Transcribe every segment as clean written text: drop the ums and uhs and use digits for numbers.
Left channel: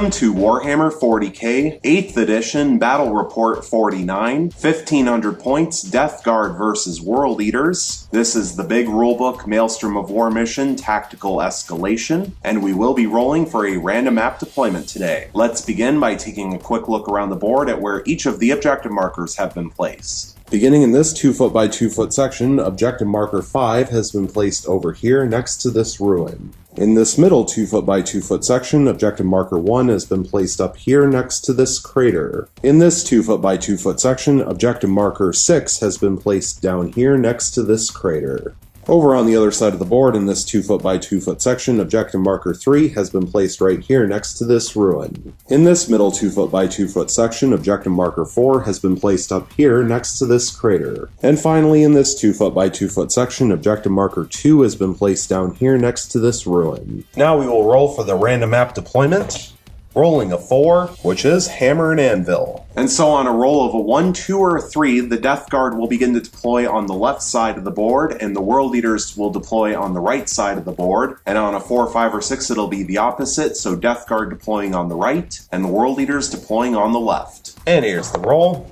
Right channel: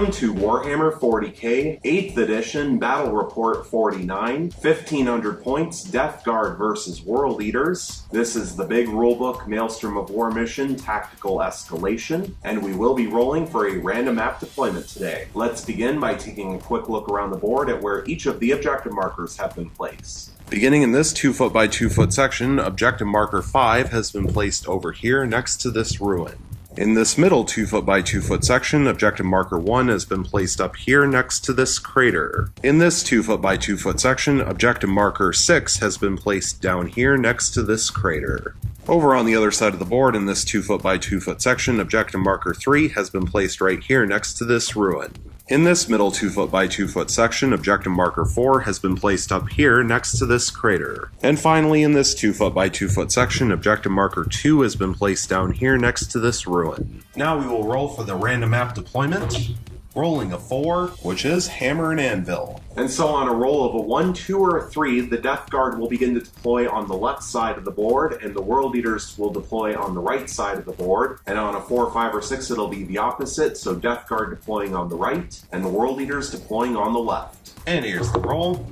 Welcome to Warhammer 40k 8th edition Battle Report 49, 1500 points, Death Guard versus World Eaters. This is the big rulebook Maelstrom of War mission Tactical Escalation, and we will be rolling for a random map deployment today. Let's begin by taking a quick look around the board at where each of the objective markers have been placed. Beginning in this 2 foot by 2 foot section, objective marker 5 has been placed over here next to this ruin. In this middle 2 foot by 2 foot section, objective marker 1 has been placed up here next to this crater. In this 2 foot by 2 foot section, objective marker 6 has been placed down here next to this crater. Over on the other side of the board, in this 2 foot by 2 foot section, objective marker 3 has been placed right here next to this ruin. In this middle 2 foot by 2 foot section, objective marker 4 has been placed up here next to this crater. And finally, in this 2 foot by 2 foot section, objective marker 2 has been placed down here next to this ruin. Now we will roll for the random map deployment. Rolling a 4, which is Hammer and Anvil. And so on a roll of a 1, 2, or a 3, the Death Guard will begin to deploy on the left side of the board, and the World Eaters will deploy on the right side of the board. And on a 4, 5, or 6, it'll be the opposite, so Death Guard deploying on the right, and the World Eaters deploying on the left. And here's the roll.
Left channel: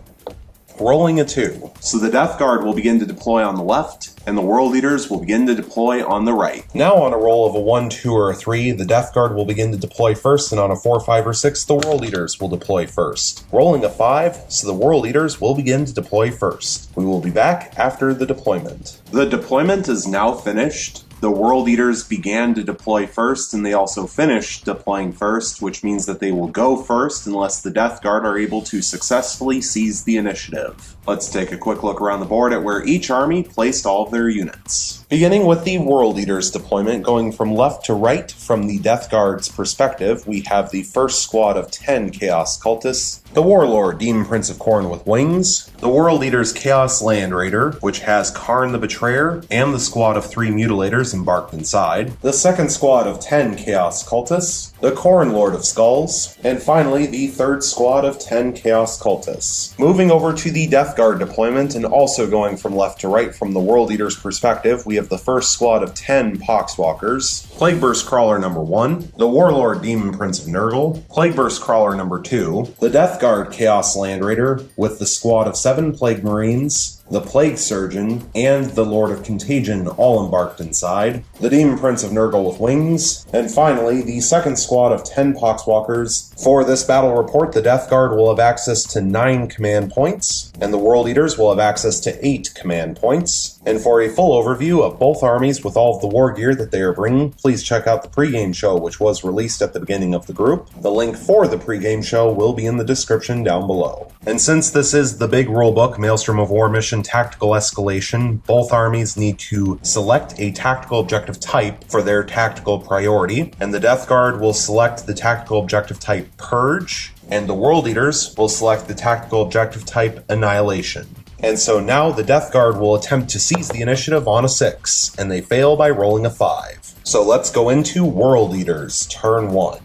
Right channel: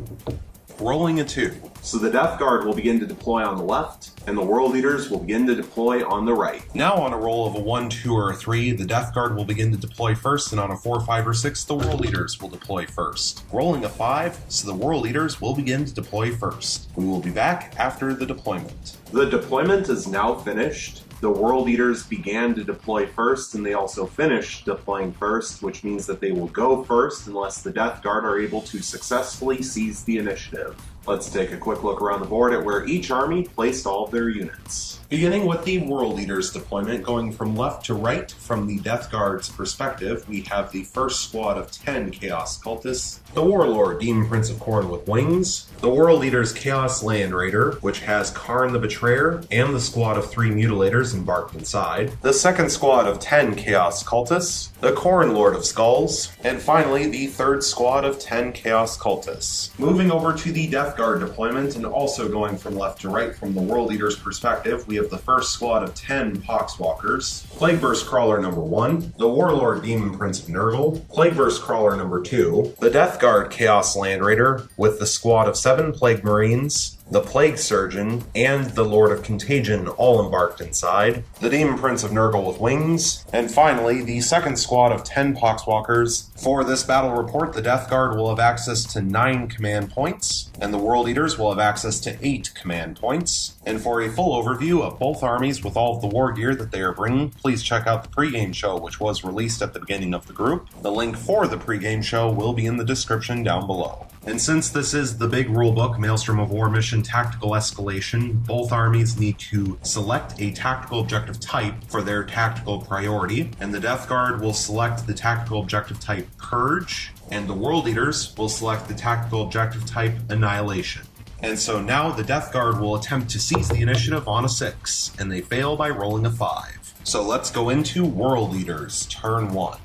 Rolling a 2. So the Death Guard will begin to deploy on the left, and the World Eaters will begin to deploy on the right. Now on a roll of a 1, 2, or a 3, the Death Guard will begin to deploy first, and on a 4, 5, or 6, the World Eaters will deploy first. Rolling a 5, so the World Eaters will begin to deploy first. We will be back after the deployment. The deployment is now finished. The World Eaters began to deploy first, and they also finished deploying first, which means that they will go first unless the Death Guard are able to successfully seize the initiative. Let's take a quick look around the board at where each army placed all of their units. Beginning with the World Eaters deployment, going from left to right from the Death Guard's perspective, we have the first squad of 10 Chaos Cultists, the Warlord Demon Prince of Khorne with wings, the World Eaters Chaos Land Raider, which has Karn the Betrayer, and the squad of 3 Mutilators embarked inside, the second squad of 10 Chaos Cultists, the Khorne Lord of Skulls, and finally the third squad of 10 Chaos Cultists. Moving over to the Death Guard deployment, and also going from left to right from the World Eaters perspective, we have the first squad of 10 Poxwalkers, Plagueburst Crawler number 1, the Warlord Demon Prince of Nurgle, Plagueburst Crawler number 2, the Death Guard Chaos Land Raider with the squad of 7 Plague Marines, the Plague Surgeon, and the Lord of Contagion all embarked inside, the Demon Prince of Nurgle with wings, and finally the second squad of 10 Poxwalkers. For this battle report, the Death Guard will have access to 9 command points, and the World Eaters will have access to 8 command points. And for a full overview of both armies with all of the war gear that they are bringing, please check out the pregame show which was released at the beginning of the group. The link for the pregame show will be in the description down below. And since this is the big rulebook Maelstrom of War mission Tactical Escalation, both armies need to select a tactical objective type for their tactical priority, and the Death Guard will select the tactical objective type Purge, and the World Eaters will select the tactical objective type Annihilation. And so now the Death Guard will attempt to seize the initiative on a 6, and they fail by rolling a 5. So let's go into World Eaters, turn 1.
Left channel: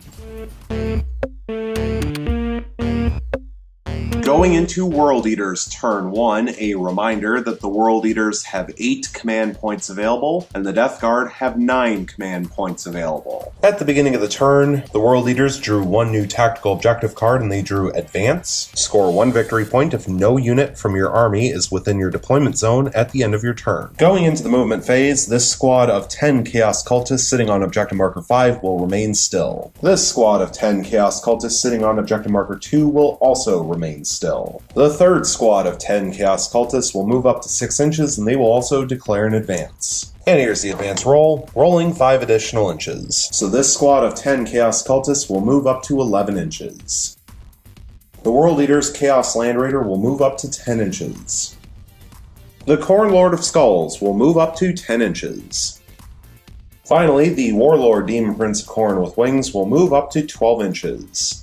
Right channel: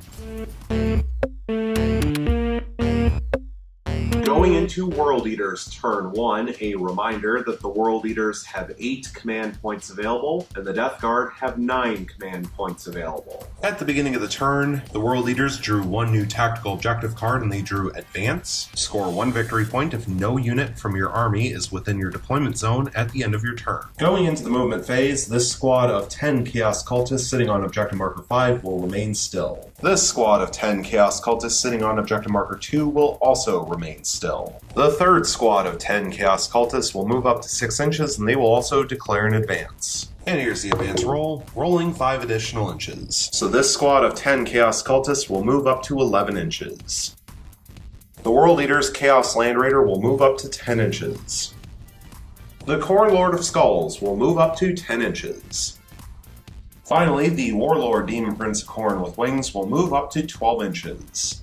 Going into World Eaters turn 1, a reminder that the World Eaters have 8 command points available, and the Death Guard have 9 command points available. At the beginning of the turn, the World Eaters drew 1 new tactical objective card, and they drew Advance. Score 1 victory point if no unit from your army is within your deployment zone at the end of your turn. Going into the movement phase, this squad of 10 Chaos Cultists sitting on objective marker 5 will remain still. This squad of 10 Chaos Cultists sitting on objective marker 2 will also remain still. The third squad of 10 Chaos Cultists will move up to 6 inches, and they will also declare an advance. And here's the advance roll, rolling 5 additional inches. So this squad of 10 Chaos Cultists will move up to 11 inches. The World Eaters Chaos Land Raider will move up to 10 inches. The Khorne Lord of Skulls will move up to 10 inches. Finally, the Warlord Demon Prince of Khorne with wings will move up to 12 inches.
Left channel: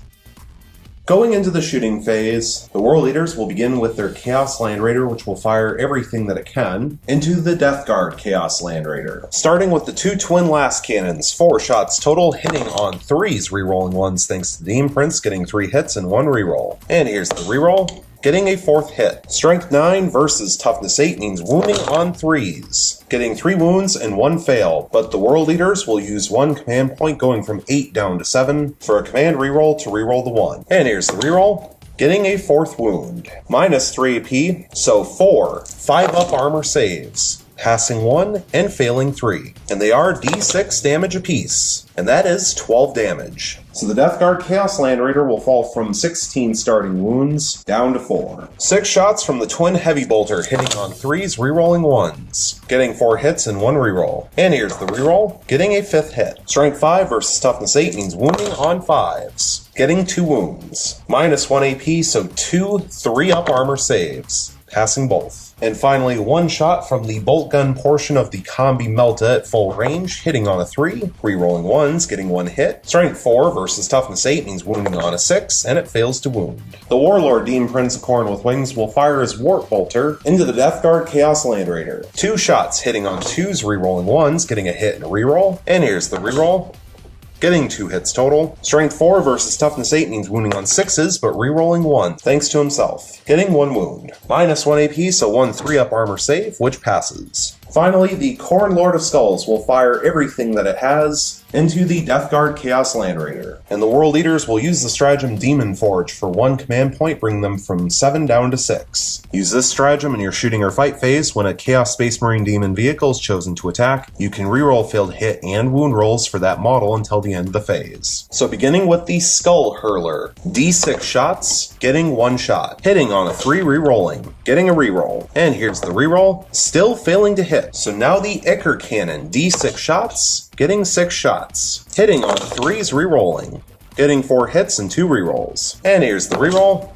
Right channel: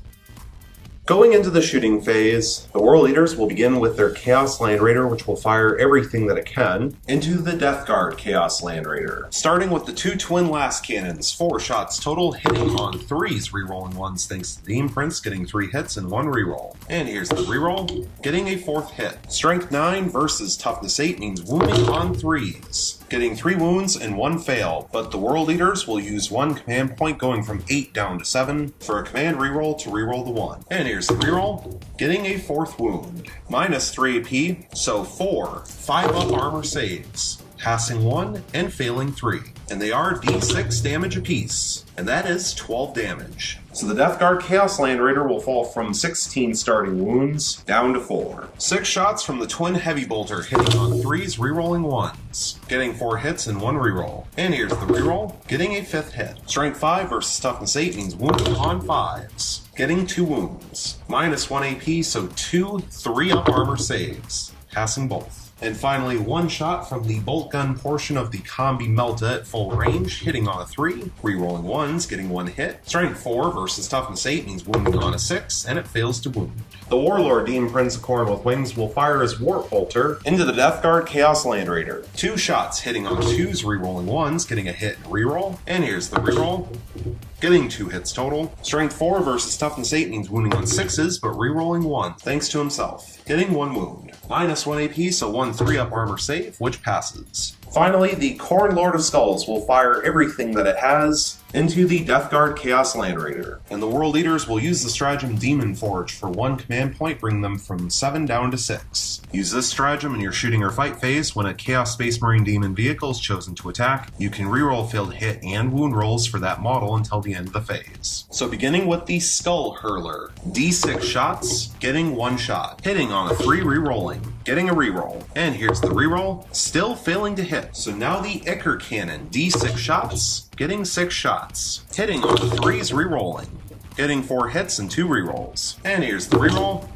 Going into the shooting phase, the World Eaters will begin with their Chaos Land Raider, which will fire everything that it can into the Death Guard Chaos Land Raider. Starting with the two twin last cannons, 4 shots total, hitting on 3s, rerolling 1s thanks to Demon Prince, getting 3 hits and 1 reroll. And here's the reroll, getting a 4th hit. Strength 9 versus Toughness 8 means wounding on 3s, getting 3 wounds and 1 fail, but the World Eaters will use 1 command point going from 8 down to 7 for a command reroll to reroll the 1. And here's the reroll, getting a 4th wound. Minus 3 AP, so 4 5-up armor saves, passing 1 and failing 3. And they are D6 damage apiece, and that is 12 damage. So the Death Guard Chaos Land Raider will fall from 16 starting wounds down to 4. 6 shots from the Twin Heavy Bolter, hitting on 3s, rerolling 1s, getting 4 hits and 1 reroll. And here's the reroll, getting a 5th hit. Strength 5 versus Toughness 8 means wounding on 5s, getting 2 wounds. Minus 1 AP, so 2 3-up armor saves, passing both. And finally, 1 shot from the bolt gun portion of the Combi Melta at full range, hitting on a 3, rerolling 1s, getting 1 hit. Strength 4 versus Toughness 8 means wounding on a 6, and it fails to wound. The Warlord Demon Prince of Khorne with Wings will fire his Warp Bolter into the Death Guard Chaos Land Raider. 2 shots hitting on 2s, rerolling 1s, getting a hit and a reroll. And here's the reroll, getting 2 hits total. Strength 4 versus Toughness 8 means wounding on 6s, but rerolling 1, thanks to himself, getting 1 wound. Minus 1 AP, so 1 3-up armor save, which passes. Finally, the Khorne Lord of Skulls will fire everything that it has into the Death Guard Chaos Land Raider, and the World Eaters will use the stratagem Demon Forge for 1 command point, bringing them from 7 down to 6. Use this stratagem in your shooting or fight phase. When a Chaos Space Marine Demon vehicle is chosen to attack, you can reroll failed hit and wound rolls for that model until the end of the phase. So beginning with the Skull Hurler, D6 shots, getting 1 shot, hitting on a 3, rerolling, getting a reroll. And here's the reroll, still failing to hit. So now the Ichor Cannon, D6 shots, getting 6 shots, hitting on 3s, rerolling, getting 4 hits and 2 rerolls. And here's the reroll,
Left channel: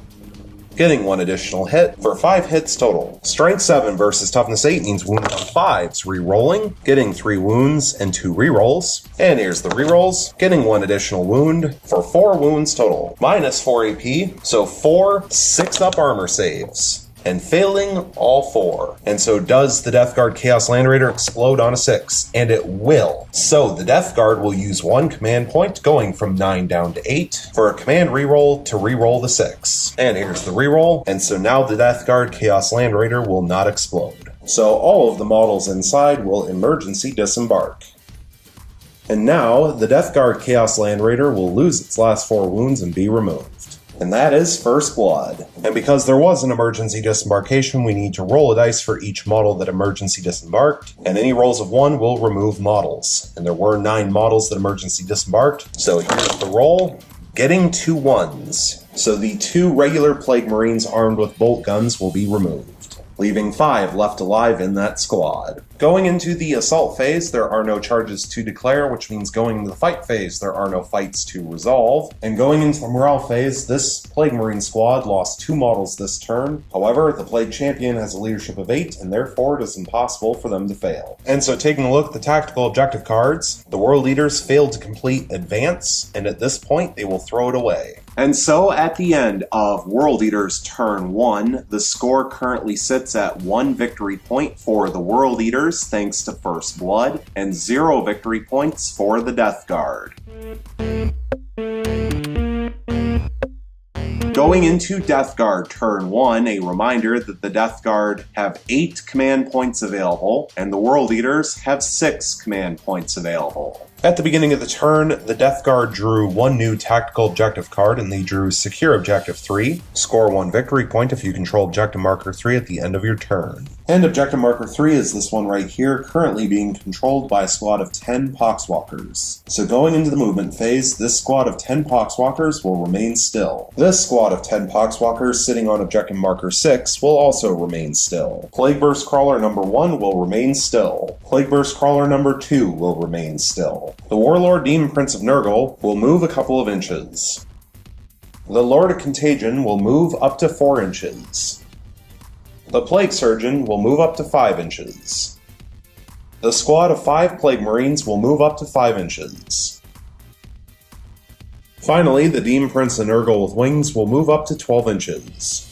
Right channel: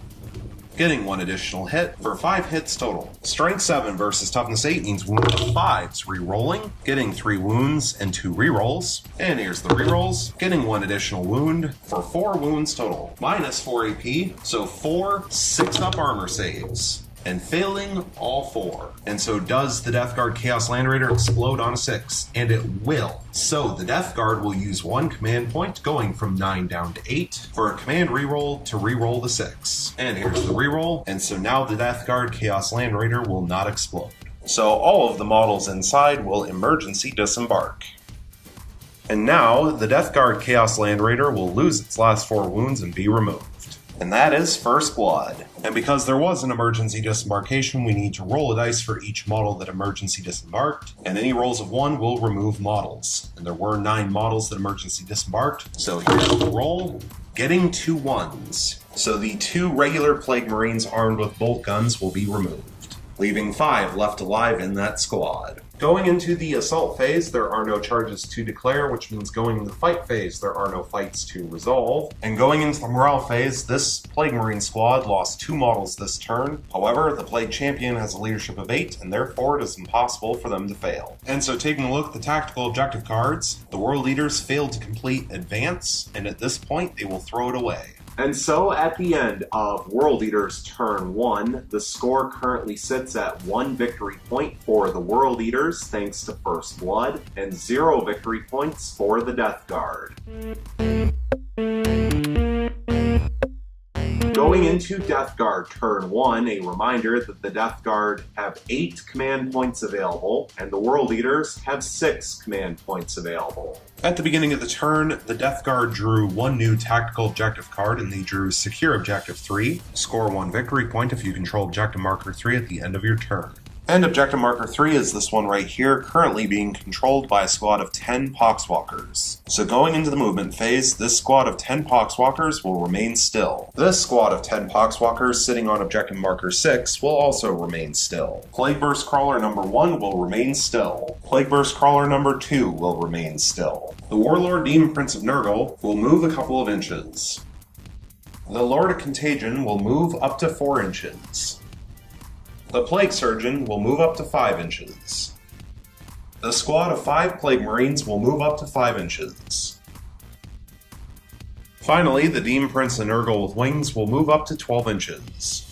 getting 1 additional hit for 5 hits total. Strength 7 versus Toughness 8 means wounding on 5s, rerolling, getting 3 wounds and 2 rerolls. And here's the rerolls, getting 1 additional wound for 4 wounds total. Minus 4 AP, so 4 6-up armor saves, and failing all 4. And so does the Death Guard Chaos Land Raider explode on a 6? And it will. So the Death Guard will use 1 command point, going from 9 down to 8, for a command reroll to reroll the 6. And here's the reroll, and so now the Death Guard Chaos Land Raider will not explode. So all of the models inside will emergency disembark. And now the Death Guard Chaos Land Raider will lose its last 4 wounds and be removed. And that is First Blood. And because there was an emergency disembarkation, we need to roll a dice for each model that emergency disembarked, and any rolls of 1 will remove models. And there were 9 models that emergency disembarked, so here's the roll, getting 2 1s. So the 2 regular Plague Marines armed with bolt guns will be removed, leaving 5 left alive in that squad. Going into the assault phase, there are no charges to declare, which means going into the fight phase, there are no fights to resolve. And going into the morale phase, this Plague Marine squad lost 2 models this turn. However, the Plague Champion has a leadership of 8, and therefore it is impossible for them to fail. And so taking a look at the tactical objective cards, the World Eaters failed to complete Advance, and at this point they will throw it away. And so at the end of World Eaters turn 1, the score currently sits at 1 victory point for the World Eaters thanks to First Blood, and 0 victory points for the Death Guard. Going into Death Guard turn 1, a reminder that the Death Guard have 8 command points available, and the World Eaters have 6 command points available. At the beginning of the turn, the Death Guard drew 1 new tactical objective card, and they drew Secure Objective 3. Score 1 victory point if you control Objective Marker 3 at the end of your turn. And Objective Marker 3 is this one right here, currently being controlled by a squad of 10 Poxwalkers. So going into the movement phase, this squad of 10 Poxwalkers will remain still. This squad of 10 Poxwalkers sitting on Objective Marker 6 will also remain still. Plague Burst Crawler number 1 will remain still. Plague Burst Crawler number 2 will remain still. The Warlord Demon Prince of Nurgle will move a couple of inches. The Lord of Contagion will move up to 4 inches. The Plague Surgeon will move up to 5 inches. The squad of 5 Plague Marines will move up to 5 inches. Finally, the Demon Prince of Nurgle with wings will move up to 12 inches.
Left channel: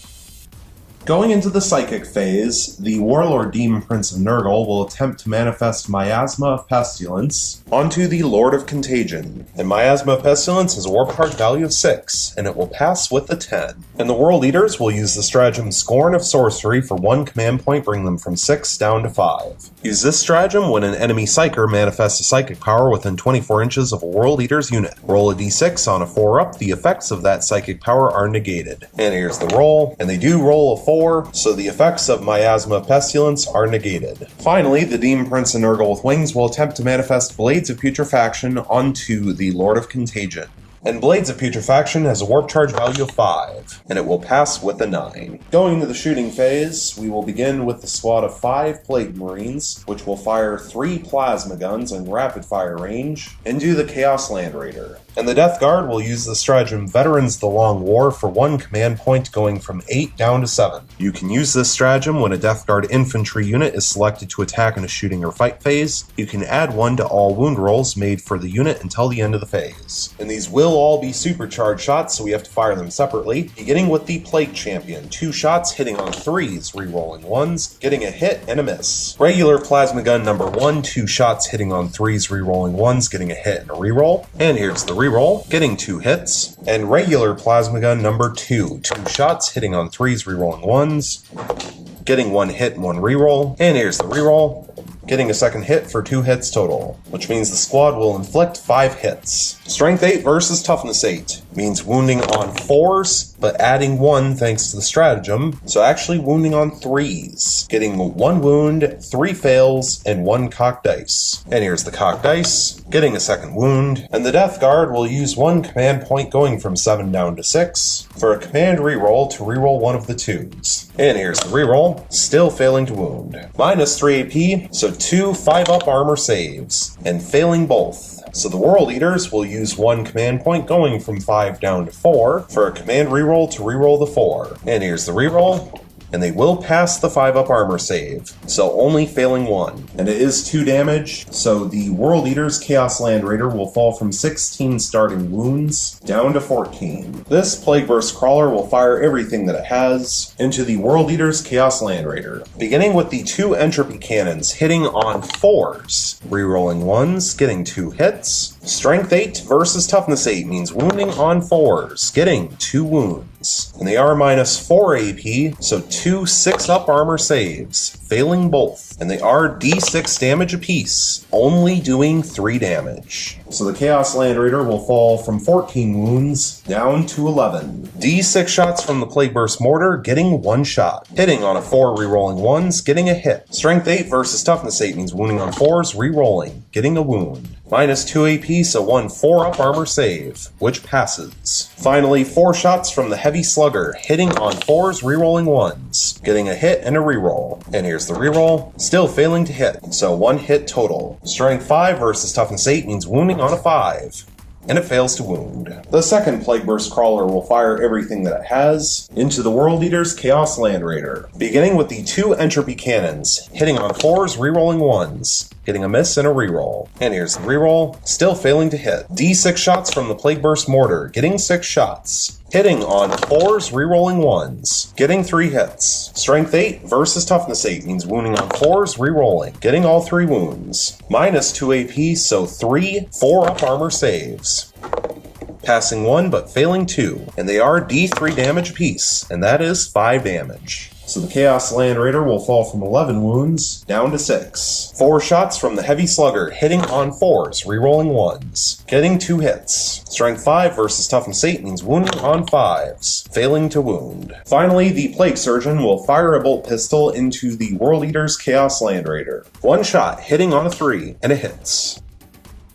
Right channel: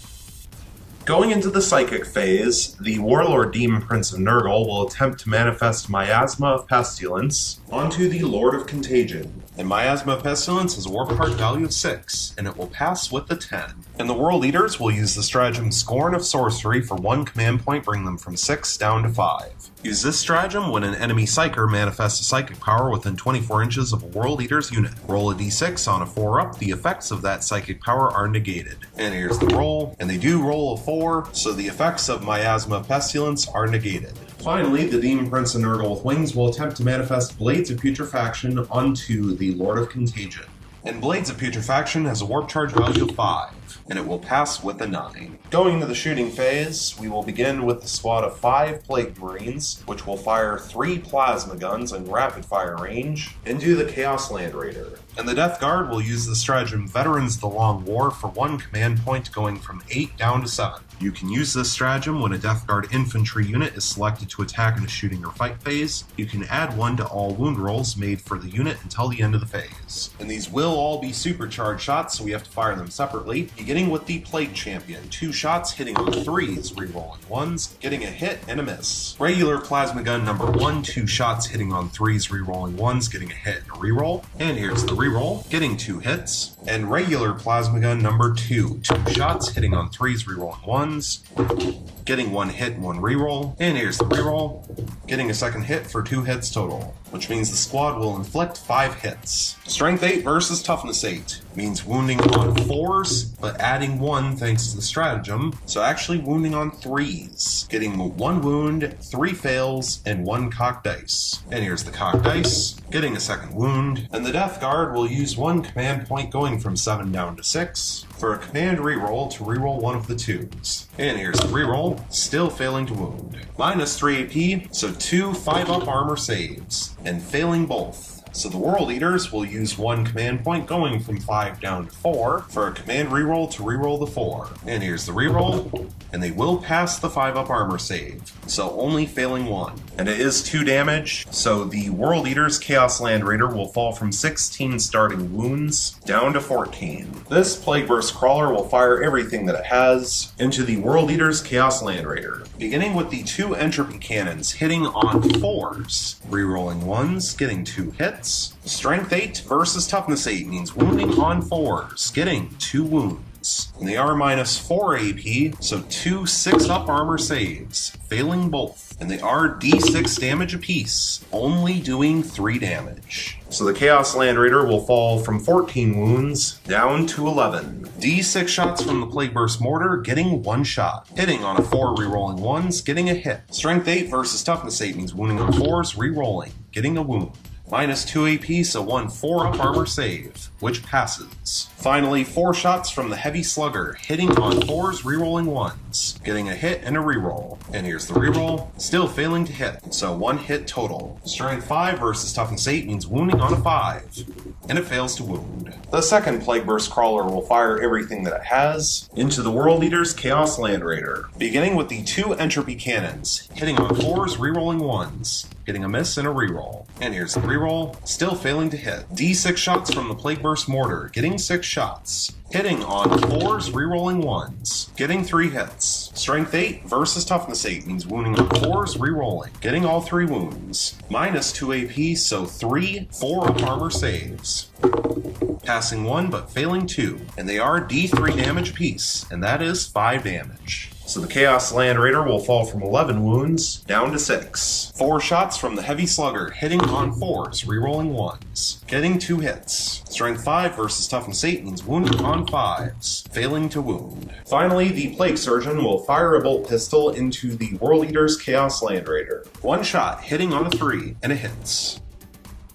Going into the Psychic phase, the Warlord Demon Prince of Nurgle will attempt to manifest Miasma of Pestilence onto the Lord of Contagion. And Miasma of Pestilence has a warp card value of 6, and it will pass with a 10. And the World Eaters will use the stratagem Scorn of Sorcery for 1 command point, bring them from 6 down to 5. Use this stratagem when an enemy Psyker manifests a psychic power within 24 inches of a World Eater's unit. Roll a d6 on a 4-up, the effects of that psychic power are negated. And here's the roll, and they do roll a 4, so the effects of Miasma of Pestilence are negated. Finally, the Demon Prince of Nurgle with wings will attempt to manifest Blades of Putrefaction onto the Lord of Contagion. And Blades of Putrefaction has a warp charge value of 5, and it will pass with a 9. Going into the shooting phase, we will begin with the squad of 5 Plague Marines, which will fire 3 plasma guns in rapid fire range into the Chaos Land Raider. And the Death Guard will use the stratagem Veterans of the Long War for 1 command point, going from 8 down to 7. You can use this stratagem when a Death Guard infantry unit is selected to attack in a shooting or fight phase. You can add 1 to all wound rolls made for the unit until the end of the phase. And these will all be supercharged shots, so we have to fire them separately, beginning with the Plague Champion. 2 shots hitting on 3s, re-rolling 1s, getting a hit and a miss. Regular Plasma Gun number 1, 2 shots hitting on 3s, re-rolling 1s, getting a hit and a re-roll. And here's the re-roll, getting 2 hits. And regular Plasma Gun number 2, 2 shots hitting on 3s, re-rolling 1s, getting 1 hit and 1 re-roll. And here's the re-roll, getting a second hit for 2 hits total, which means the squad will inflict 5 hits. Strength 8 versus Toughness 8 means wounding on 4s, but adding 1 thanks to the stratagem, so actually wounding on 3s, getting 1 wound, 3 fails, and 1 cocked dice. And here's the cocked dice, getting a second wound, and the Death Guard will use 1 command point going from 7 down to 6 for a command reroll to reroll 1 of the 2s. And here's the reroll, still failing to wound. Minus 3 AP, so 2 5-up armor saves, and failing both. So the World Eaters will use 1 command point going from 5 down to 4 for a command reroll to reroll the 4. And here's the reroll, and they will pass the 5-up armor save, so only failing 1. And it is 2 damage, so the World Eater's Chaos Land Raider will fall from 16 starting wounds down to 14. This Plague Burst Crawler will fire everything that it has into the World Eater's Chaos Land Raider, beginning with the 2 Entropy Cannons hitting on 4s, rerolling 1s, getting 2 hits. Strength 8 versus Toughness 8 means wounding on 4s, getting 2 wounds. And they are minus 4 AP, so 2 6-up armor saves, failing both. And they are d6 damage apiece, only doing 3 damage. So the Chaos Land Raider will fall from 14 wounds down to 11. D6 shots from the Plague Burst Mortar, getting 1 shot. Hitting on a 4, rerolling 1s, getting a hit. Strength 8 versus Toughness 8 means wounding on 4s, rerolling, getting a wound. Minus 2 AP, so 1 4-up armor save, which passes. Finally, 4 shots from the Heavy Slugger, hitting on 4s, rerolling 1s, getting a hit and a reroll. And here's the reroll, still failing to hit, so 1 hit total. Strength 5 versus Toughness 8 means wounding on a 5. And it fails to wound. The second Plague Burst Crawler will fire everything that it has into the World Eater's Chaos Land Raider, beginning with the 2 Entropy Cannons, hitting on 4s, rerolling 1s, getting a miss and a reroll. And here's the reroll, still failing to hit. D6 shots from the Plague Burst Mortar, getting 6 shots. Hitting on 4s, rerolling 1s, getting 3 hits. Strength 8 versus Toughness 8 means wounding on 4s, rerolling, getting all 3 wounds. Minus 2 AP, so 3 4-up armor saves. Passing 1 but failing 2, and they are d3 damage apiece, and that is 5 damage. So the Chaos Land Raider will fall from 11 wounds down to 6. 4 shots from the Heavy Slugger, hitting on 4s, rerolling 1s, getting 2 hits. Strength 5 versus Toughness 8 means wounding on 5s, failing to wound. Finally, the Plague Surgeon will fire a bolt pistol into the World Eater's Chaos Land Raider. 1 shot, hitting on a 3, and it hits.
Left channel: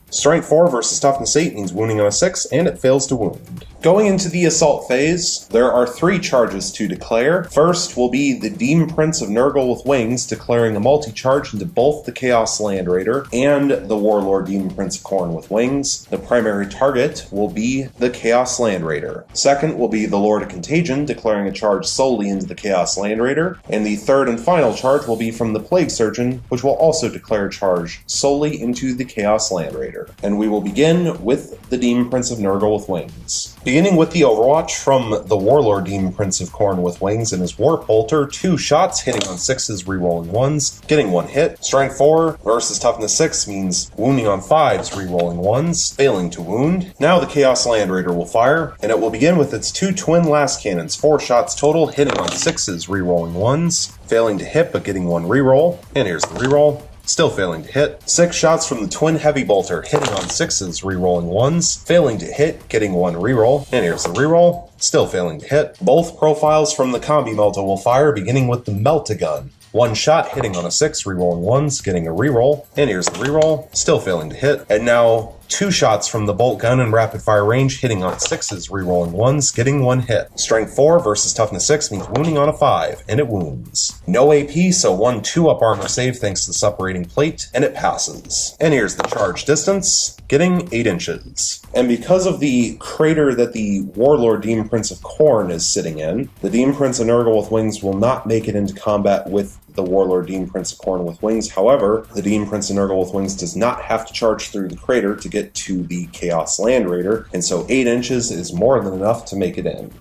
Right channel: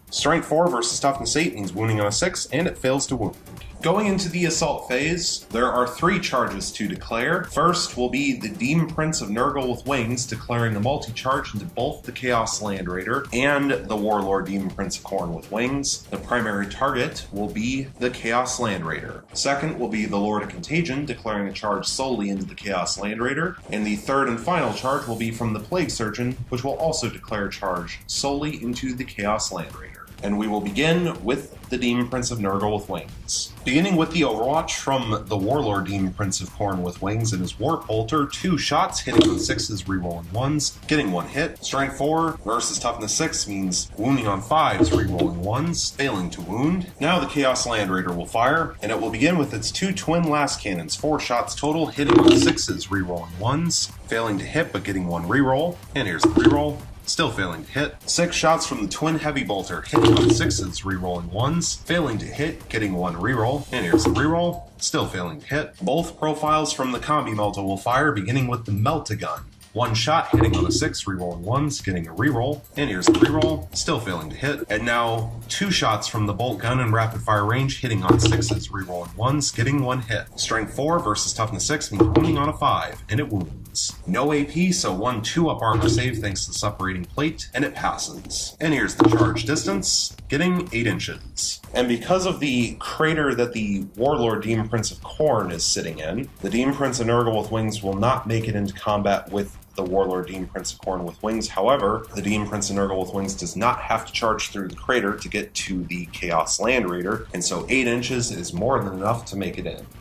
Strength 4 versus Toughness 8 means wounding on a 6, and it fails to wound. Going into the assault phase, there are 3 charges to declare. First will be the Demon Prince of Nurgle with Wings, declaring a multi-charge into both the Chaos Land Raider and the Warlord Demon Prince of Khorne with Wings. The primary target will be the Chaos Land Raider. Second will be the Lord of Contagion, declaring a charge solely into the Chaos Land Raider. And the third and final charge will be from the Plague Surgeon, which will also declare a charge solely into the Chaos Land Raider. And we will begin with the Demon Prince of Nurgle with Wings. Beginning with the Overwatch from the Warlord Demon Prince of Khorne with Wings and his Warp Bolter, 2 shots hitting on 6s, rerolling 1s, getting 1 hit. Strength 4 versus Toughness 6 means wounding on 5s, rerolling 1s, failing to wound. Now the Chaos Land Raider will fire, and it will begin with its 2 twin last cannons, 4 shots total, hitting on 6s, rerolling 1s, failing to hit but getting 1 reroll. And here's the reroll. Still failing to hit. 6 shots from the Twin Heavy Bolter, hitting on 6s, rerolling 1s, failing to hit, getting 1 reroll. And here's the reroll, still failing to hit. Both profiles from the Combi Melta will fire, beginning with the Melt-A-Gun. 1 shot hitting on a 6, rerolling 1s, getting a reroll. And here's the reroll, still failing to hit. And now 2 shots from the Bolt Gun in rapid fire range, hitting on 6s, rerolling 1s, getting 1 hit. Strength 4 versus Toughness 6 means wounding on a 5, and it wounds. No AP, so 1 2-up armor save thanks to the separating plate, and it passes. And here's the charge distance, getting 8 inches. And because of the crater that the Warlord Demon Prince of Khorne is sitting in, the Demon Prince of Nurgle with Wings will not make it into combat with the Warlord Demon Prince of Khorne with Wings. However, the Demon Prince of Nurgle with Wings does not have to charge through the crater to get to the Chaos Land Raider, and so 8 inches is more than enough to make it in.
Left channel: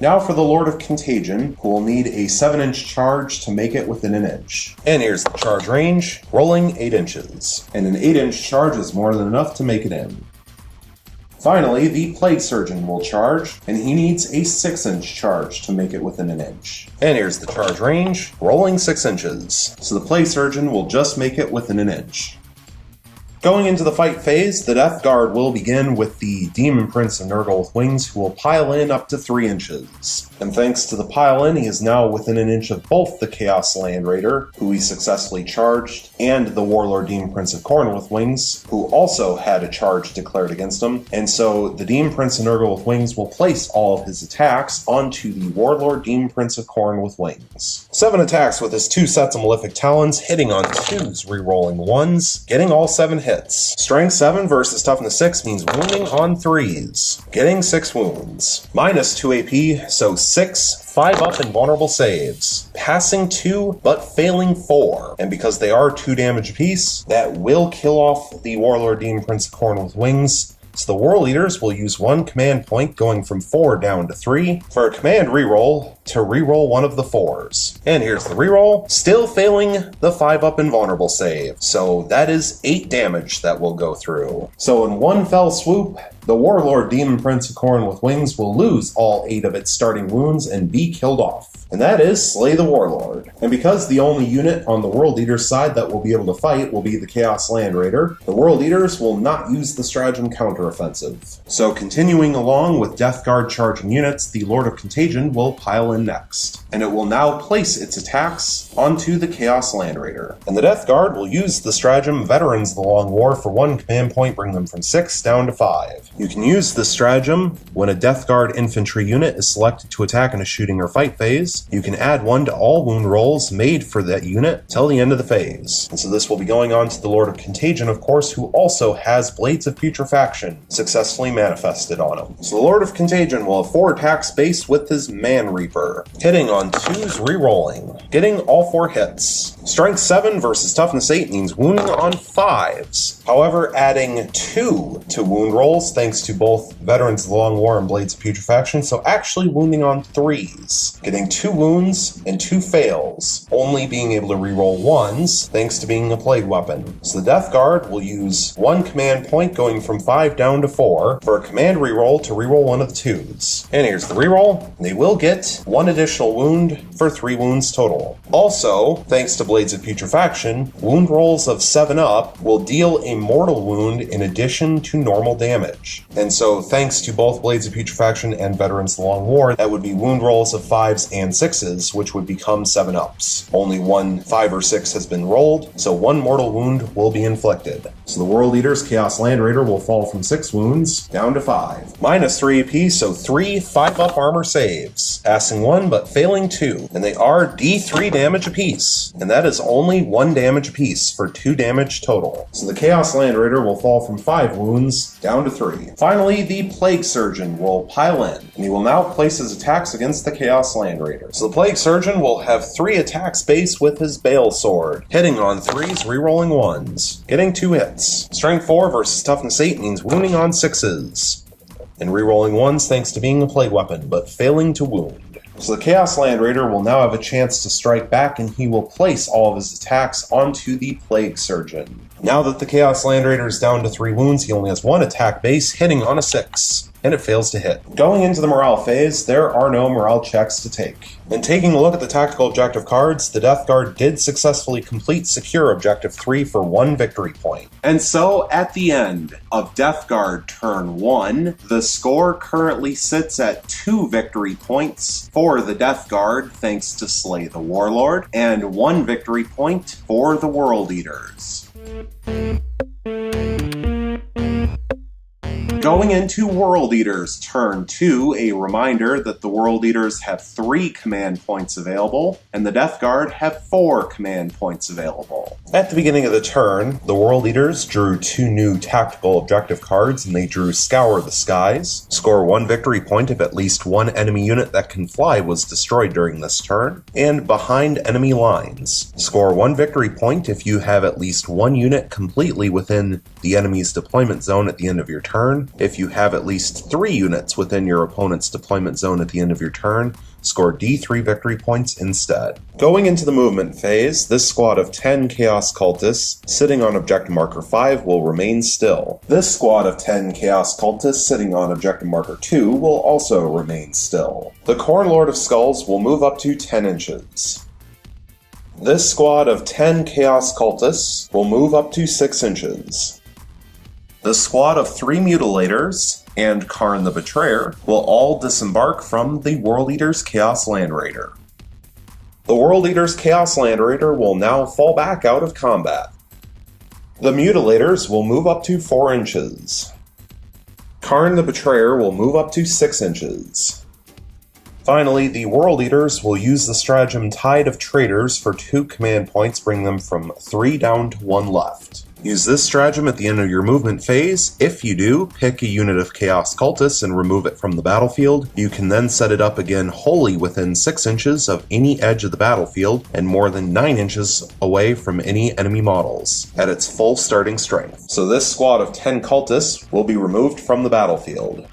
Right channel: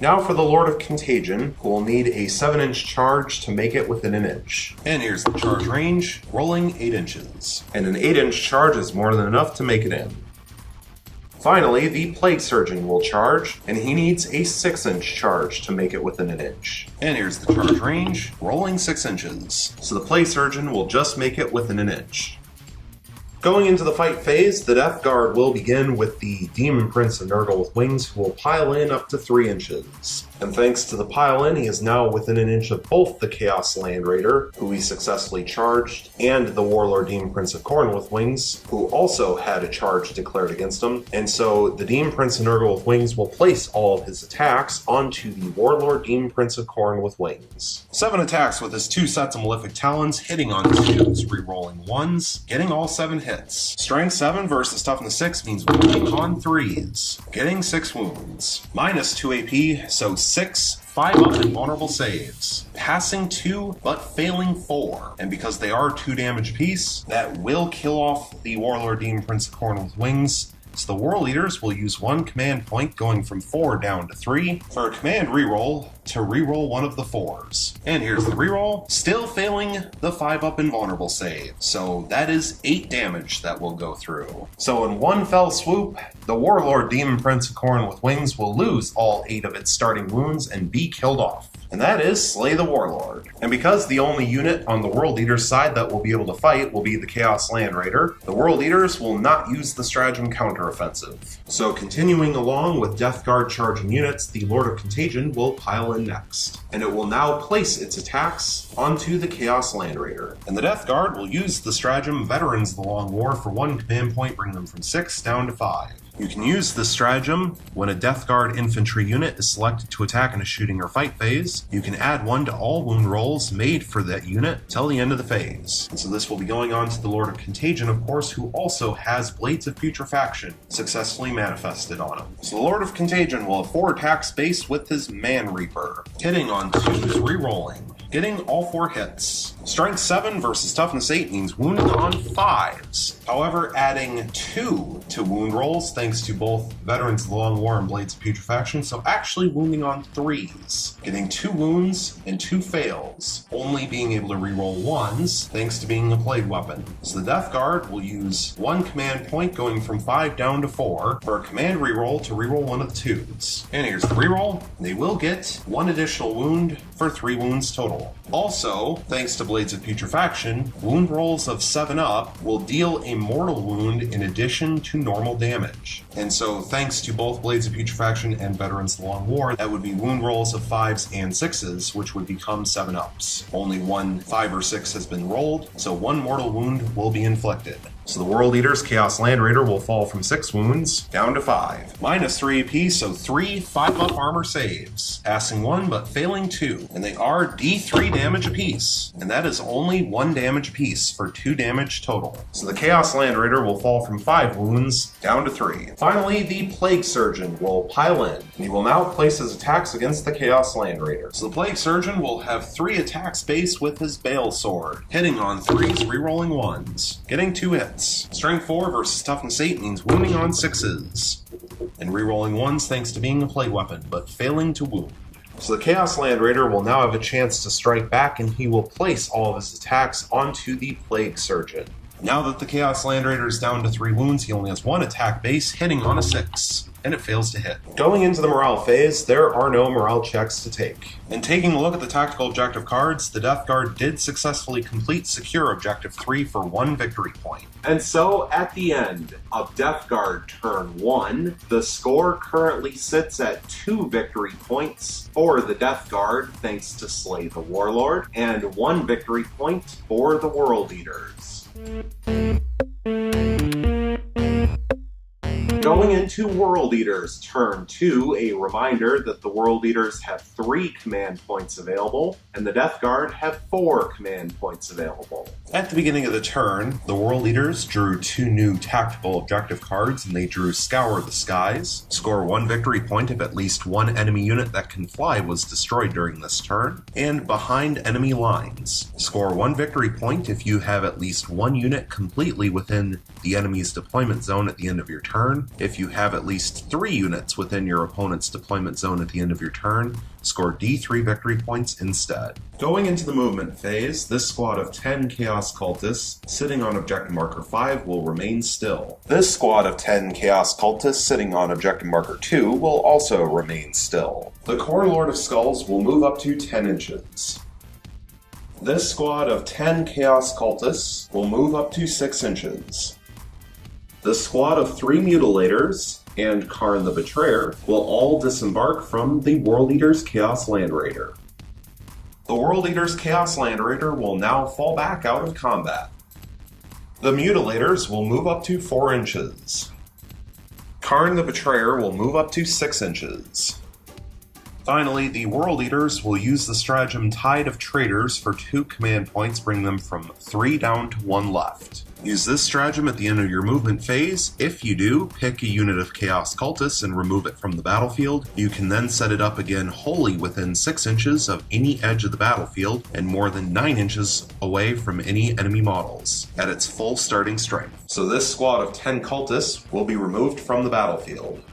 Now for the Lord of Contagion, who will need a 7-inch charge to make it within an inch. And here's the charge range, rolling 8 inches. And an 8-inch charge is more than enough to make it in. Finally, the Plague Surgeon will charge, and he needs a 6-inch charge to make it within an inch. And here's the charge range, rolling 6 inches. So the Plague Surgeon will just make it within an inch. Going into the fight phase, the Death Guard will begin with the Demon Prince of Nurgle with Wings, who will pile in up to 3 inches. And thanks to the pile in, he is now within an inch of both the Chaos Land Raider, who he successfully charged, and the Warlord Demon Prince of Khorne with Wings, who also had a charge declared against him. And so the Demon Prince of Nurgle with Wings will place all of his attacks onto the Warlord Demon Prince of Khorne with Wings. 7 attacks with his 2 sets of Malefic Talons, hitting on 2s, rerolling 1s, getting all 7 hits. Strength 7 versus Toughness 6 means wounding on 3s, getting 6 wounds. Minus 2 AP, so 6 5-up invulnerable saves, passing 2 but failing 4, and because they are 2 damage apiece, that will kill off the Warlord Demon Prince of Khorne with Wings. So the War Leaders will use 1 command point, going from 4 down to 3, for a command reroll to reroll one of the 4s. And here's the reroll, still failing the 5-up invulnerable save, so that is 8 damage that will go through. So in one fell swoop, the Warlord Demon Prince of Khorne with Wings will lose all 8 of its starting wounds and be killed off. And that is Slay the Warlord. And because the only unit on the World Eaters side that will be able to fight will be the Chaos Land Raider, the World Eaters will not use the stratagem counteroffensive. So continuing along with Death Guard charging units, the Lord of Contagion will pile in next. And it will now place its attacks onto the Chaos Land Raider. And the Death Guard will use the stratagem Veterans of the Long War for 1 command point, bring them from 6 down to 5. You can use this stratagem when a Death Guard infantry unit is selected to attack in a shooting or fight phase. You can add 1 to all wound rolls made for that unit till the end of the phase. And so this will be going on to the Lord of Contagion, of course, who also has Blades of Putrefaction successfully manifested on him. So the Lord of Contagion will have 4 attacks based with his Man Reaper, hitting on 2s, rerolling, getting all 4 hits. Strength 7 versus Toughness 8 means wounding on 5s. However, adding 2 to wound rolls thanks to both Veterans of the Long War and Blades of Putrefaction, so actually wounding on 3s, getting 2 wounds and 2 fails, only being able to reroll 1s thanks to being a plague weapon. So the Death Guard will use 1 command point, going from 5 down to 4, for a command reroll to reroll one of the 2s. And here's the reroll. They will get 1 additional wound for 3 wounds total. total. Also, thanks to Blades of Putrefaction, wound rolls of 7 up will deal a mortal wound in addition to normal damage. And so thanks to both Blades of Putrefaction and Veterans of the Long War, that would be wound rolls of 5s and 6s, which would become 7 ups. Only one 5 or 6 has been rolled, so 1 mortal wound will be inflicted. So the World Eater's Chaos Land Raider will fall from 6 wounds down to 5. -3 apiece, so 3 5-up armor saves. Passing 1 but failing 2. And they are D3 damage apiece. And that is only 1 damage apiece for 2 damage total. So the Chaos Land Raider will fall from 5 wounds down to 3. Finally, the Plague Surgeon will pile in. And he will now place his attacks against the Chaos Land Raider. So the Plague Surgeon will have 3 attacks base with his Bale Sword, hitting on 3s, rerolling 1s, getting 2 hits. Strength 4 versus Toughness 8 means wounding on 6s, and rerolling 1s thanks to being a plague weapon, but failing to wound. So the Chaos Land Raider will now have a chance to strike back, and he will place all of his attacks onto the Plague Surgeon. Now that the Chaos Land Raider is down to 3 wounds, he only has 1 attack base, hitting on a 6. And it fails to hit. Going into the morale phase, there are no morale checks to take. And taking a look at the tactical objective cards, the Death Guard did successfully complete Secure Objective 3 for 1 victory point. And so, at the end of Death Guard turn 1, the score currently sits at 2 victory points for the Death Guard, thanks to Slay the Warlord, and 1 victory point for the World Eaters. Going into World Eaters turn 2, a reminder that the World Eaters have 3 command points available, and the Death Guard have 4 command points available. At the beginning of the turn, the World Eaters drew 2 new tactical objective cards, and they drew Scour the Skies. Score 1 victory point if at least 1 enemy unit that can fly was destroyed during this turn, and Behind Enemy Lines. Score 1 victory point if you have at least 1 unit completely within the enemy's deployment zone at the end of your turn. If you have at least 3 units within your opponent's deployment zone at the end of your turn, score D3 victory points instead. Going into the movement phase, this squad of 10 Chaos Cultists sitting on Objective Marker 5 will remain still. This squad of 10 Chaos Cultists sitting on Objective Marker 2 will also remain still. The Core Lord of Skulls will move up to 10 inches. This squad of 10 Chaos Cultists will move up to 6 inches. The squad of 3 Mutilators and Karn the Betrayer will all disembark from the World Eater's Chaos Land Raider. The World Eater's Chaos Land Raider will now fall back out of combat. The Mutilators will move up to 4 inches. Karn the Betrayer will move up to 6 inches. Finally, the World Eaters will use the stratagem Tide of Traitors for 2 command points, bring them from 3 down to 1 left. Use this stratagem at the end of your movement phase. If you do, pick a unit of Chaos Cultists and remove it from the battlefield. You can then set it up again wholly within 6 inches of any edge of the battlefield and more than 9 inches away from any enemy models at its full starting strength. So this squad of 10 Cultists will be removed from the battlefield,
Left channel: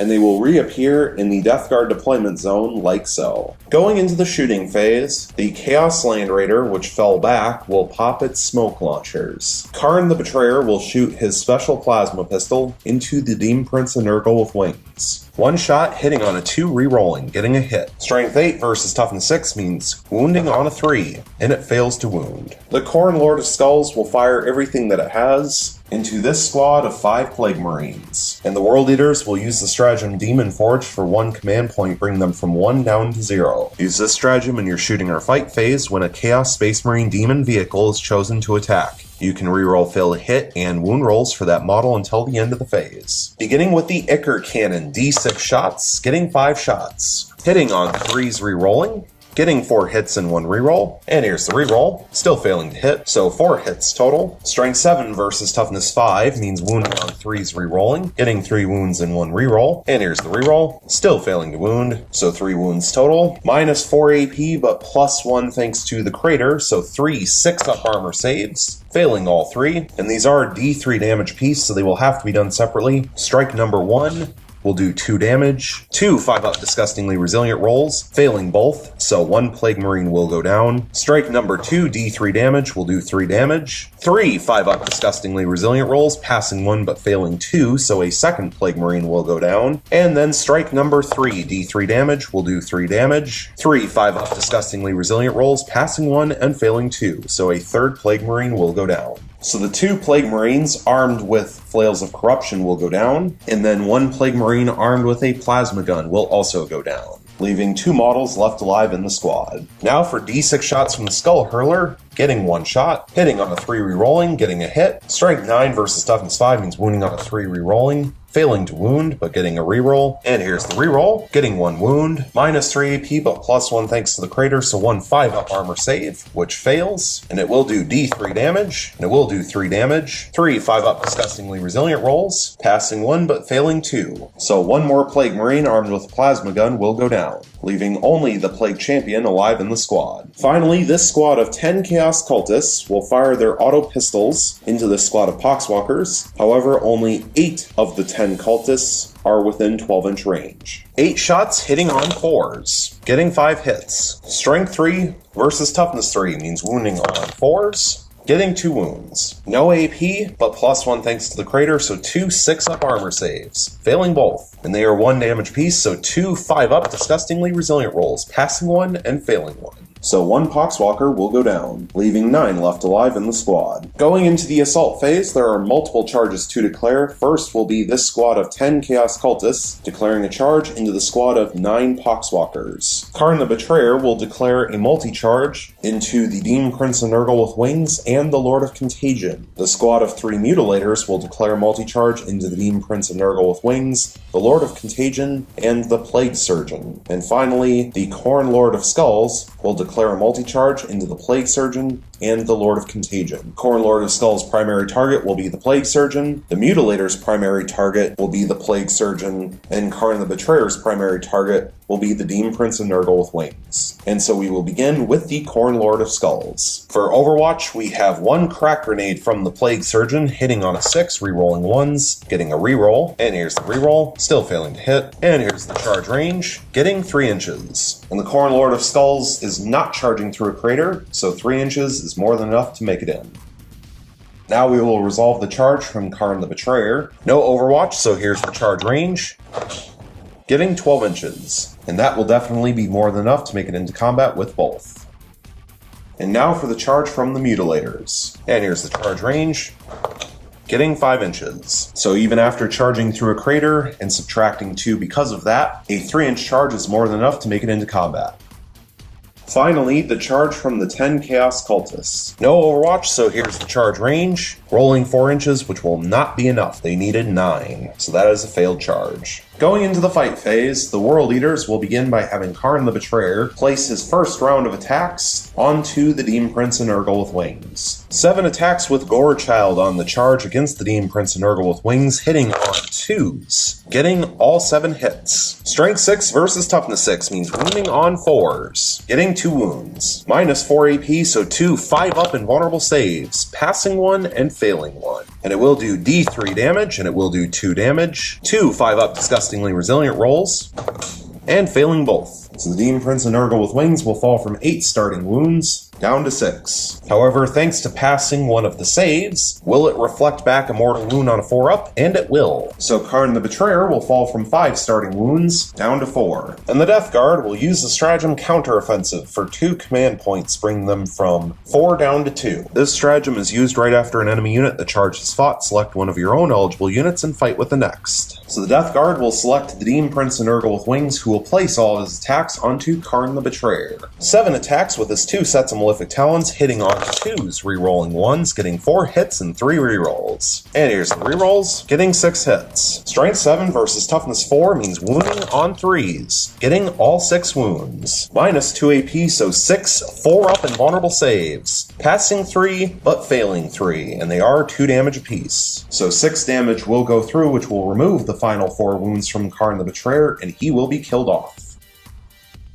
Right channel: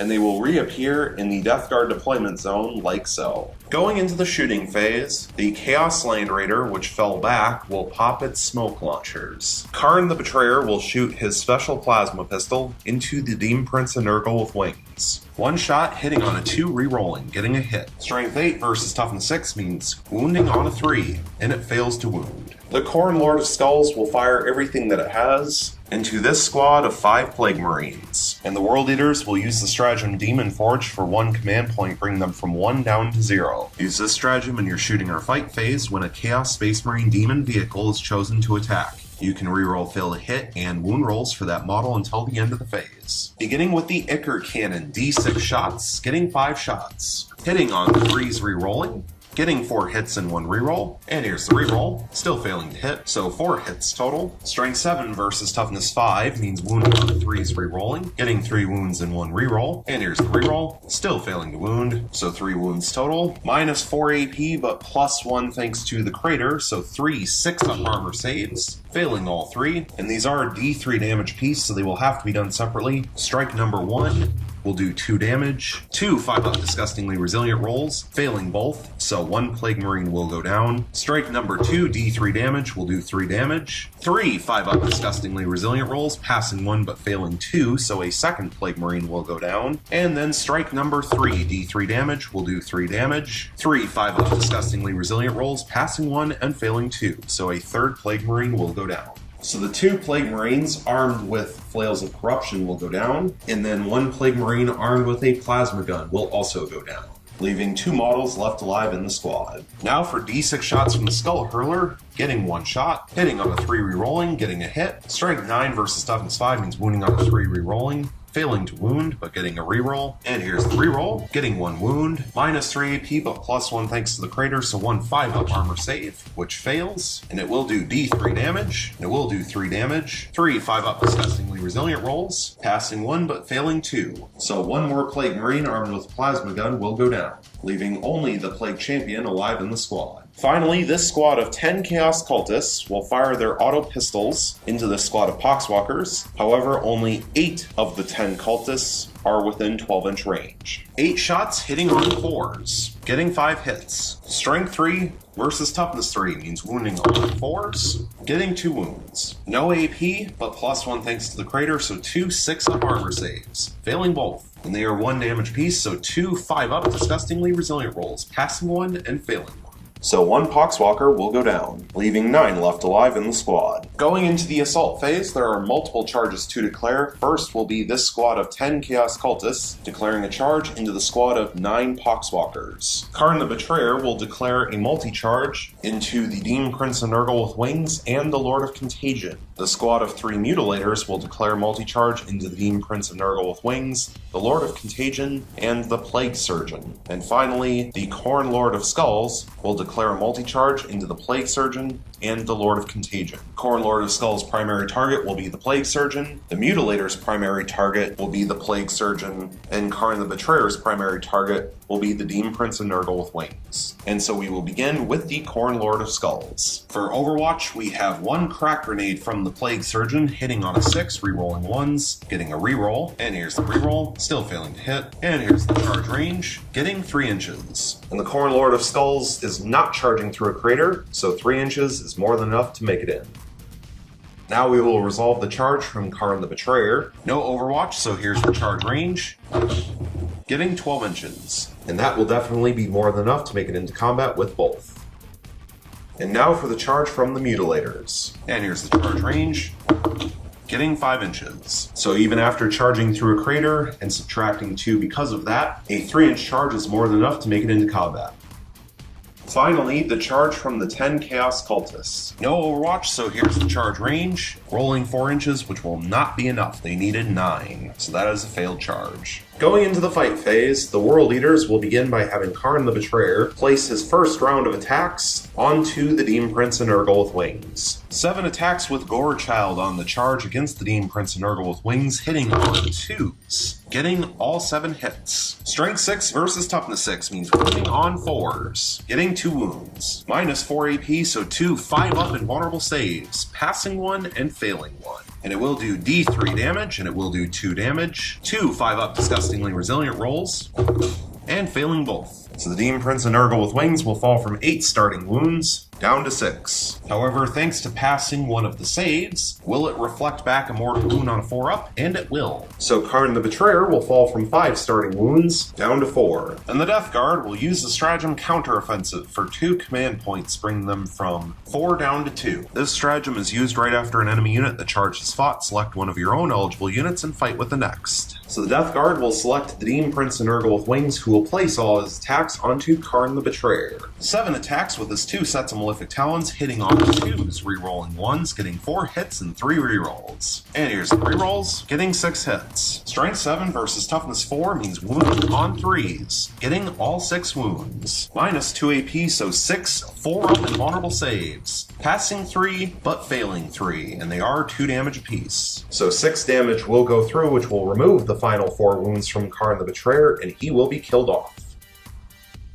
and they will reappear in the Death Guard deployment zone like so. Going into the shooting phase, the Chaos Land Raider, which fell back, will pop its smoke launchers. Karn the Betrayer will shoot his special plasma pistol into the Demon Prince of Nurgle with wings. 1 shot hitting on a 2, rerolling, getting a hit. Strength 8 versus Toughness 6 means wounding on a 3, and it fails to wound. The Khorne Lord of Skulls will fire everything that it has into this squad of 5 Plague Marines. And the World Eaters will use the stratagem Demon Forge for 1 command point, bring them from 1 down to 0. Use this stratagem in your shooting or fight phase when a Chaos Space Marine Demon vehicle is chosen to attack. You can reroll fail hit and wound rolls for that model until the end of the phase. Beginning with the Ichor Cannon, D6 shots, getting 5 shots. Hitting on 3s, rerolling. Getting 4 hits and 1 reroll. And here's the reroll, still failing to hit, so 4 hits total. Strength 7 versus Toughness 5 means wounding on 3s, rerolling. Getting 3 wounds and 1 reroll. And here's the reroll, still failing to wound, so 3 wounds total. Minus 4 AP, but plus 1 thanks to the crater, so 3 6-up armor saves. Failing all 3, and these are D3 damage apiece, so they will have to be done separately. Strike number 1 will do 2 damage. 2 5-up disgustingly resilient rolls, failing both, so 1 Plague Marine will go down. Strike number 2, D3 damage, will do 3 damage. 3 5-up disgustingly resilient rolls, passing 1 but failing 2, so a 2nd Plague Marine will go down. And then strike number 3, D3 damage, will do 3 damage. 3 5-up disgustingly resilient rolls, passing 1 and failing 2, so a 3rd Plague Marine will go down. So the 2 Plague Marines armed with Flails of Corruption will go down, and then 1 Plague Marine armed with a Plasma Gun will also go down, leaving 2 models left alive in the squad. Now for D6 shots from the Skull Hurler, getting 1 shot, hitting on a 3 rerolling, getting a hit. Strength 9 versus Toughness 5 means wounding on a 3 rerolling, failing to wound, but getting a reroll. And here's the reroll, getting 1 wound, minus 3 AP, but plus 1 thanks to the crater, so 1 5-up armor save, which fails, and it will do D3 damage, and it will do 3 damage. 3 5-up disgustingly resilient rolls, passing 1 but failing 2. So 1 more Plague Marine armed with a Plasma Gun will go down, leaving only the Plague Champion alive in the squad. Finally, this squad of 10 Chaos Cultists will fire their auto pistols into this squad of Poxwalkers. However, only 8 of the 10 cultists are within 12-inch range. 8 shots hitting on 4s, getting 5 hits. Strength 3 versus Toughness 3 means wounding on 4s, getting 2 wounds. No AP, but plus 1 thanks to the crater, so 2 6-up armor saves, failing both. And they are 1 damage apiece, so 2 5-up disgustingly resilient rolls, passing 1 and failing 1. So 1 Poxwalker will go down, leaving 9 left alive in the squad. Going into the assault phase, there are multiple charges to declare. First will be this squad of 10 Chaos Cultists, declaring a charge into the squad of 9 Poxwalkers. Karn the Betrayer will declare a multi-charge into the Demon Prince of Nurgle with Wings and the Lord of Contagion. The squad of 3 Mutilators will declare a multi-charge into the Demon Prince of Nurgle with Wings, the Lord of Contagion, and the Plague Surgeon. And finally, the Khorne Lord of Skulls will declare a multi-charge into the Plague Surgeon and the Lord of Contagion. Khorne Lord of Skull's primary target will be the Plague Surgeon, the Mutilator's primary target will be the Plague Surgeon, and Karn the Betrayer's primary target will be the Demon Prince of Nurgle with Wings. And so we will begin with the Khorne Lord of Skulls. For Overwatch, we have 1 Crack Grenade from the Plague Surgeon, hitting on a 6, rerolling 1s, getting a reroll, and here's the reroll, still failing to hit, and here's the charge range, getting 3 inches. And the Khorne Lord of Skulls is not charging through a crater, so 3 inches is more than enough to make it in. Now we will resolve the charge from Karn the Betrayer. No Overwatch, so here's the charge range, getting 12 inches. And that will definitely be more than enough to make it into combat with both. And now for the charge from the Mutilators. And here's the charge range, getting 5 inches. So even after charging through a crater and subtracting 2 because of that, a 3-inch charge is more than enough to make it into combat. Finally, the charge from the 10 Chaos Cultists. No Overwatch, so here's the charge range, rolling 4 inches, which will not be enough. They needed 9, so that is a failed charge. Going into the fight phase, the World Eaters will begin by having Karn the Betrayer place his first round of attacks onto the Demon Prince of Nurgle with Wings. 7 attacks with Gore Child on the charge against the Demon Prince of Nurgle with Wings, hitting on 2s, getting all 7 hits. Strength 6 versus Toughness 6 means wounding on 4s, getting 2 wounds. Minus 4 AP, so 2 5-up invulnerable saves, passing 1 and failing 1. And it will do D3 damage, and it will do 2 damage. 2 5-up disgustingly resilient rolls, and failing both. So the Demon Prince of Nurgle with Wings will fall from 8 starting wounds down to 6. However, thanks to passing 1 of the saves, will it reflect back a mortal wound on a 4-up? And it will. So Karn the Betrayer will fall from 5 starting wounds down to 4. And the Death Guard will use the stratagem counteroffensive for 2 command points, bringing them from 4 down to 2. This stratagem is used right after an enemy unit that charge is fought. Select one of your own eligible units and fight with the next. So the Death Guard will select the Demon Prince of Nurgle with Wings, who will place all his attacks onto Karn the Betrayer. 7 attacks with his 2 sets of Malefic Talons, hitting on 2s, rerolling 1s, getting 4 hits and 3 rerolls. And here's the rerolls, getting 6 hits. Strength 7 versus Toughness 4 means wounding on 3s, getting all 6 wounds. Minus 2 AP, so 6 4-up invulnerable saves, passing 3 but failing 3, and they are 2 damage apiece. So 6 damage will go through, which will remove the final 4 wounds from Karn the Betrayer, and he will be killed off.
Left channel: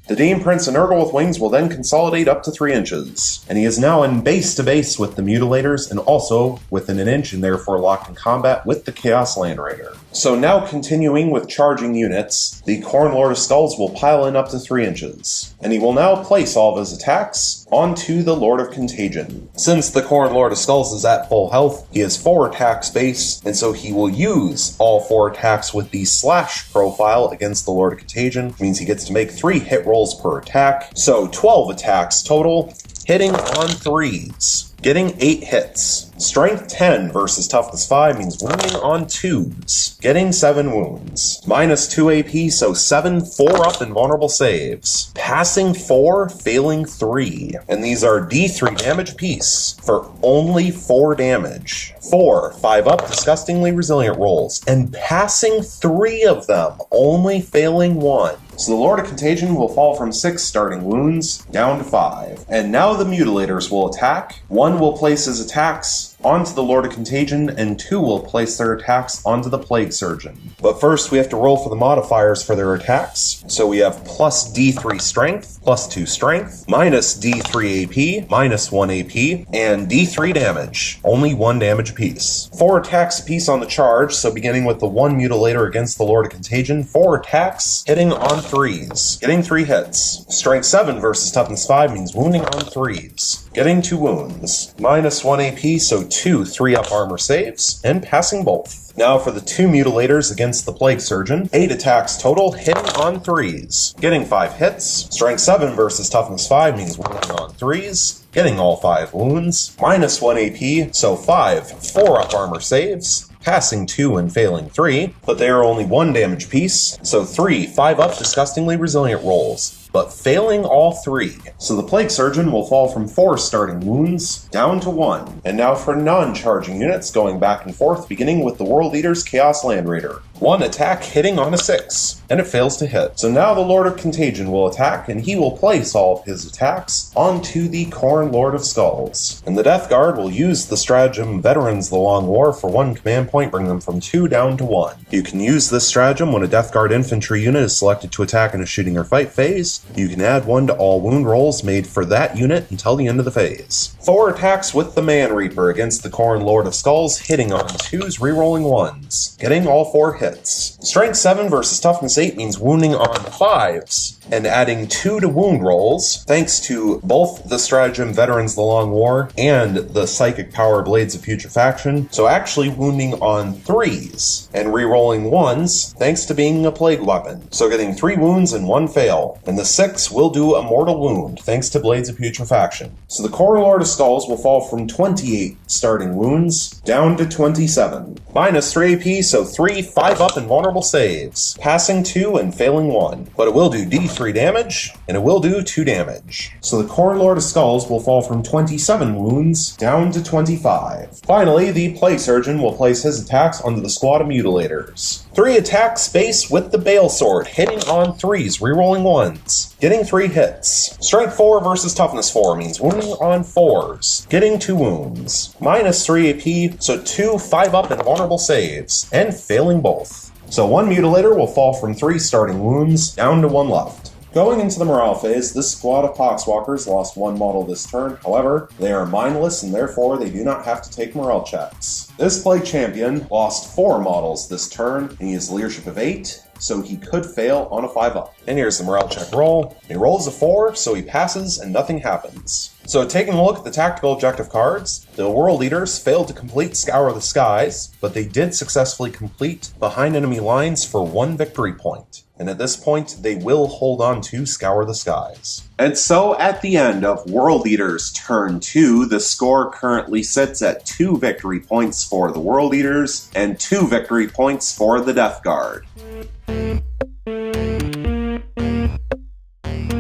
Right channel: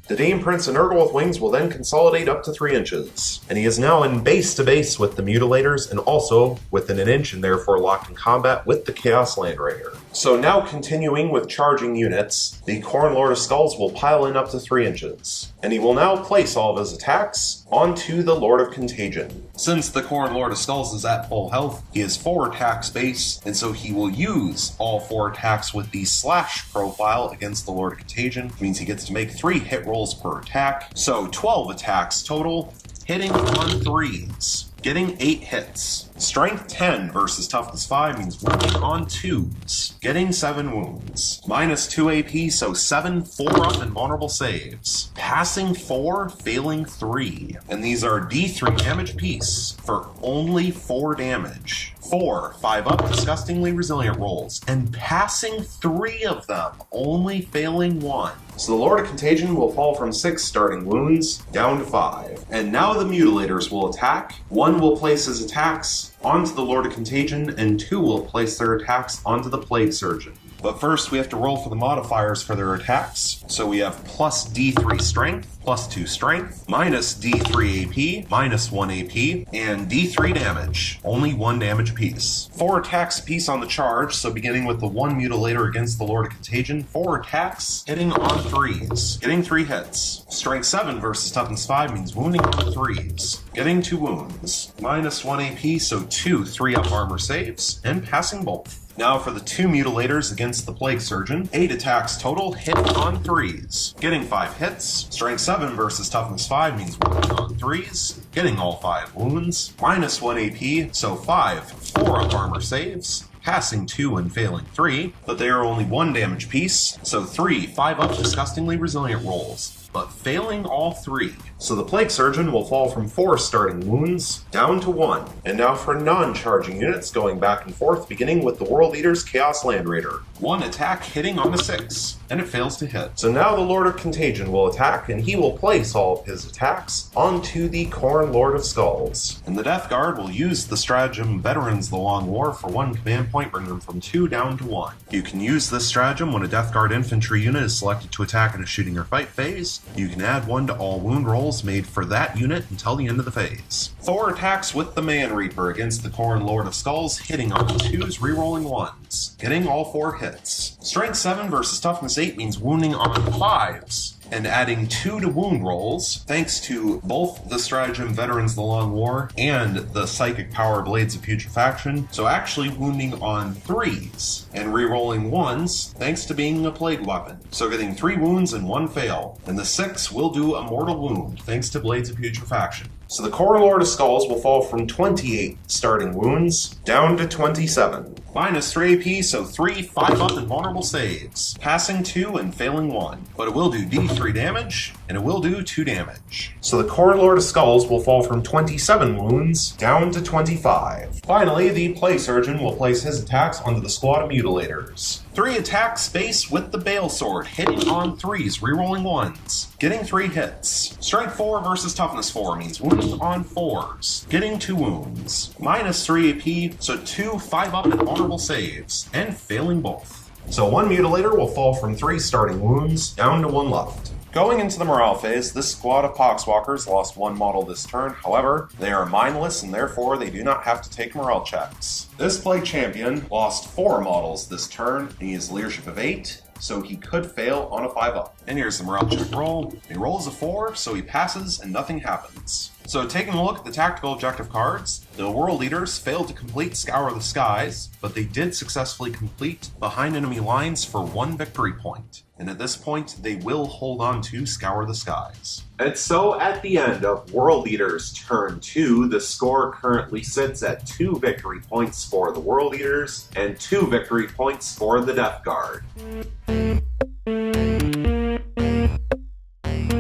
The Dame Prince and Nurgle with wings will then consolidate up to 3 inches, and he is now in base to base with the Mutilators and also within an inch and therefore locked in combat with the Chaos Land Raider. So now continuing with charging units, the Khorne Lord of Skulls will pile in up to 3 inches, and he will now place all of his attacks onto the Lord of Contagion. Since the Khorne Lord of Skulls is at full health, he has 4 attacks base, and so he will use all 4 attacks with the slash profile against the Lord of Contagion, which means he gets to make 3 hit rolls per attack, so 12 attacks total, hitting on 3s, getting 8 hits. Strength 10 versus Toughness 5 means wounding on 2s, getting 7 wounds. Minus 2 AP, so 7 4-up invulnerable saves. Passing 4, failing 3. And these are D3 damage piece for only 4 damage. 4 5-up disgustingly resilient rolls, and passing 3 of them, only failing 1. So the Lord of Contagion will fall from 6 starting wounds down to 5. And now the Mutilators will attack. 1 will place his attacks onto the Lord of Contagion, and 2 will place their attacks onto the Plague Surgeon. But first we have to roll for the modifiers for their attacks. So we have plus D3 Strength, plus 2 Strength, minus D3 AP, minus 1 AP, and D3 damage, only 1 damage apiece. 4 attacks apiece on the charge, so beginning with the 1 Mutilator against the Lord of Contagion, 4 attacks, hitting on 3s, getting 3 hits. Strength 7 versus Toughness 5 means wounding on 3s, getting 2 wounds. Minus 1 AP, so 2 3-up armor saves, and passing both. Now for the 2 Mutilators against the Plague Surgeon, 8 attacks total, hitting on 3s, getting 5 hits. Strength 7 versus Toughness 5 means wounding on 3s, getting all 5 wounds. Minus 1 AP, so 5 4-up armor saves, passing 2 and failing 3, but they are only 1 damage piece, so 3 5-up disgustingly resilient rolls, but failing all 3. So the Plague Surgeon will fall from 4 starting wounds down to 1. And now for non-charging units going back and forth, beginning with the World Eater's Chaos Land Raider. 1 attack hitting on a 6, and it fails to hit. So now the Lord of Contagion will attack, and he will place all of his attacks onto the Khorne Lord of Skulls. And the Death Guard will use the stratagem Veterans the Long War for 1 command point, bring them from 2 down to 1. You can use this stratagem when a Death Guard infantry unit is selected to attack in a shooting or fight phase. You can add 1 to all wound rolls made for that unit until the end of the phase. 4 attacks with the Man Reaper against the Khorne Lord of Skulls, hitting on 2s, rerolling 1s, getting all 4 hits. Strength 7 versus Toughness 8 means wounding on 5s, and adding 2 to wound rolls, thanks to both the stratagem Veterans the Long War and the Psychic Power Blades of Putrefaction, so actually wounding on 3s, and rerolling 1s, thanks to being a plague weapon, so getting 3 wounds and 1 fail, and the 6 will do a mortal wound, thanks to Blades of Putrefaction. So the Khorne Lord of Skulls will fall from 28 starting wounds down to 27. Minus 3 AP, so 3 5-up invulnerable saves, passing 2 and failing 1, but it will do D3 damage, and it will do 2 damage. So the Khorne Lord of Skulls will fall from 27 wounds down to 25. Finally, the Plague Surgeon will place his attacks onto the squad of Mutilators. 3 attacks base with the Bale Sword, hitting on 3s, rerolling 1s, getting 3 hits. Strength 4 versus Toughness 4 means wounding on 4s, getting 2 wounds. Minus 3 AP, so 2 5-up invulnerable saves, and failing both. So 1 Mutilator will fall from 3 starting wounds down to 1 left. Going into the morale phase, this squad of Poxwalkers lost 1 model this turn. However, they are mindless and therefore they do not have to take morale checks. This Plague Champion lost 4 models this turn, and he has leadership of 8, so he could fail on a 5-up. And here's the morale check roll. He rolls a 4, so he passes and nothing happens. So taking a look at the tactical objective cards, the World Eaters failed to complete Scour the Skies, but they did successfully complete Behind Enemy Lines for 1 victory point. And at this point, they will hold on to Scour the Skies. And so at the end of World Eaters Turn 2, the score currently sits at 2 victory points for the World Eaters and 2 victory points for the Death Guard.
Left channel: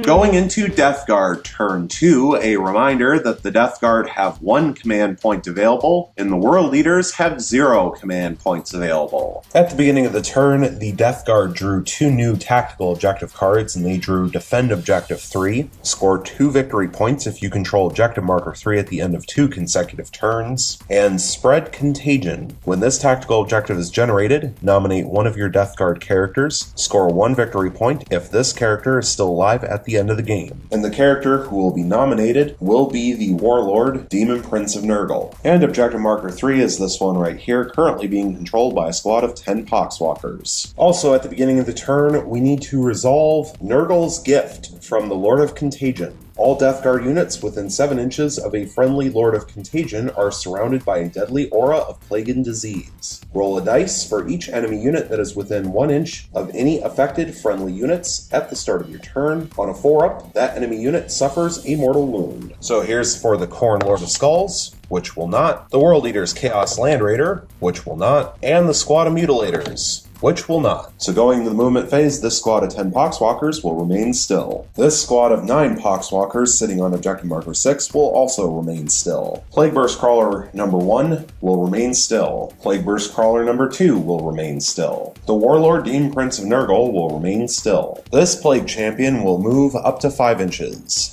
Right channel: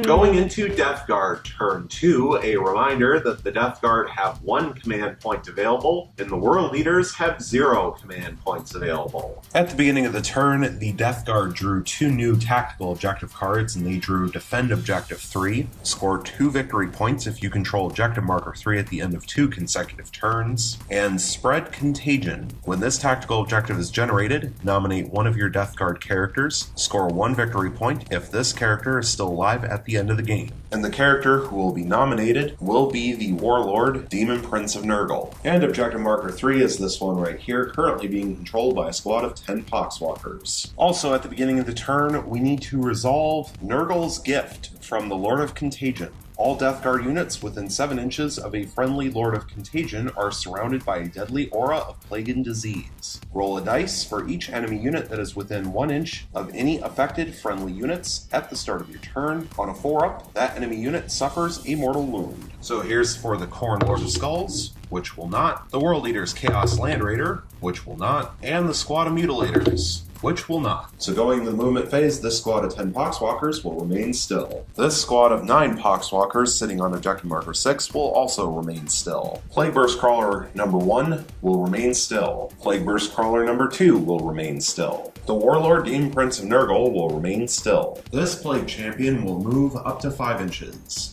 Going Going into Death Guard turn 2, a reminder that the Death Guard have 1 command point available, and the World Leaders have 0 command points available. At the beginning of the turn, the Death Guard drew 2 new tactical objective cards, and they drew Defend Objective 3, score 2 victory points if you control Objective Marker 3 at the end of 2 consecutive turns, and Spread Contagion. When this tactical objective is generated, nominate one of your Death Guard characters, score 1 victory point if this character is still alive at the end of the game. And the character who will be nominated will be the Warlord, Demon Prince of Nurgle. And Objective Marker 3 is this one right here, currently being controlled by a squad of 10 Poxwalkers. Also, at the beginning of the turn, we need to resolve Nurgle's Gift from the Lord of Contagion. All Death Guard units within 7 inches of a friendly Lord of Contagion are surrounded by a deadly aura of plague and disease. Roll a dice for each enemy unit that is within 1 inch of any affected friendly units at the start of your turn. On a 4-up, that enemy unit suffers a mortal wound. So here's for the Khorne Lord of Skulls, which will not, the World Leader's Chaos Land Raider, which will not, and the Squad of Mutilators, which will not. So going to the movement phase, this squad of 10 Poxwalkers will remain still. This squad of 9 Poxwalkers sitting on Objective Marker 6 will also remain still. Plague Burst Crawler number 1 will remain still. Plague Burst Crawler number 2 will remain still. The Warlord Demon Prince of Nurgle will remain still. This Plague Champion will move up to 5 inches.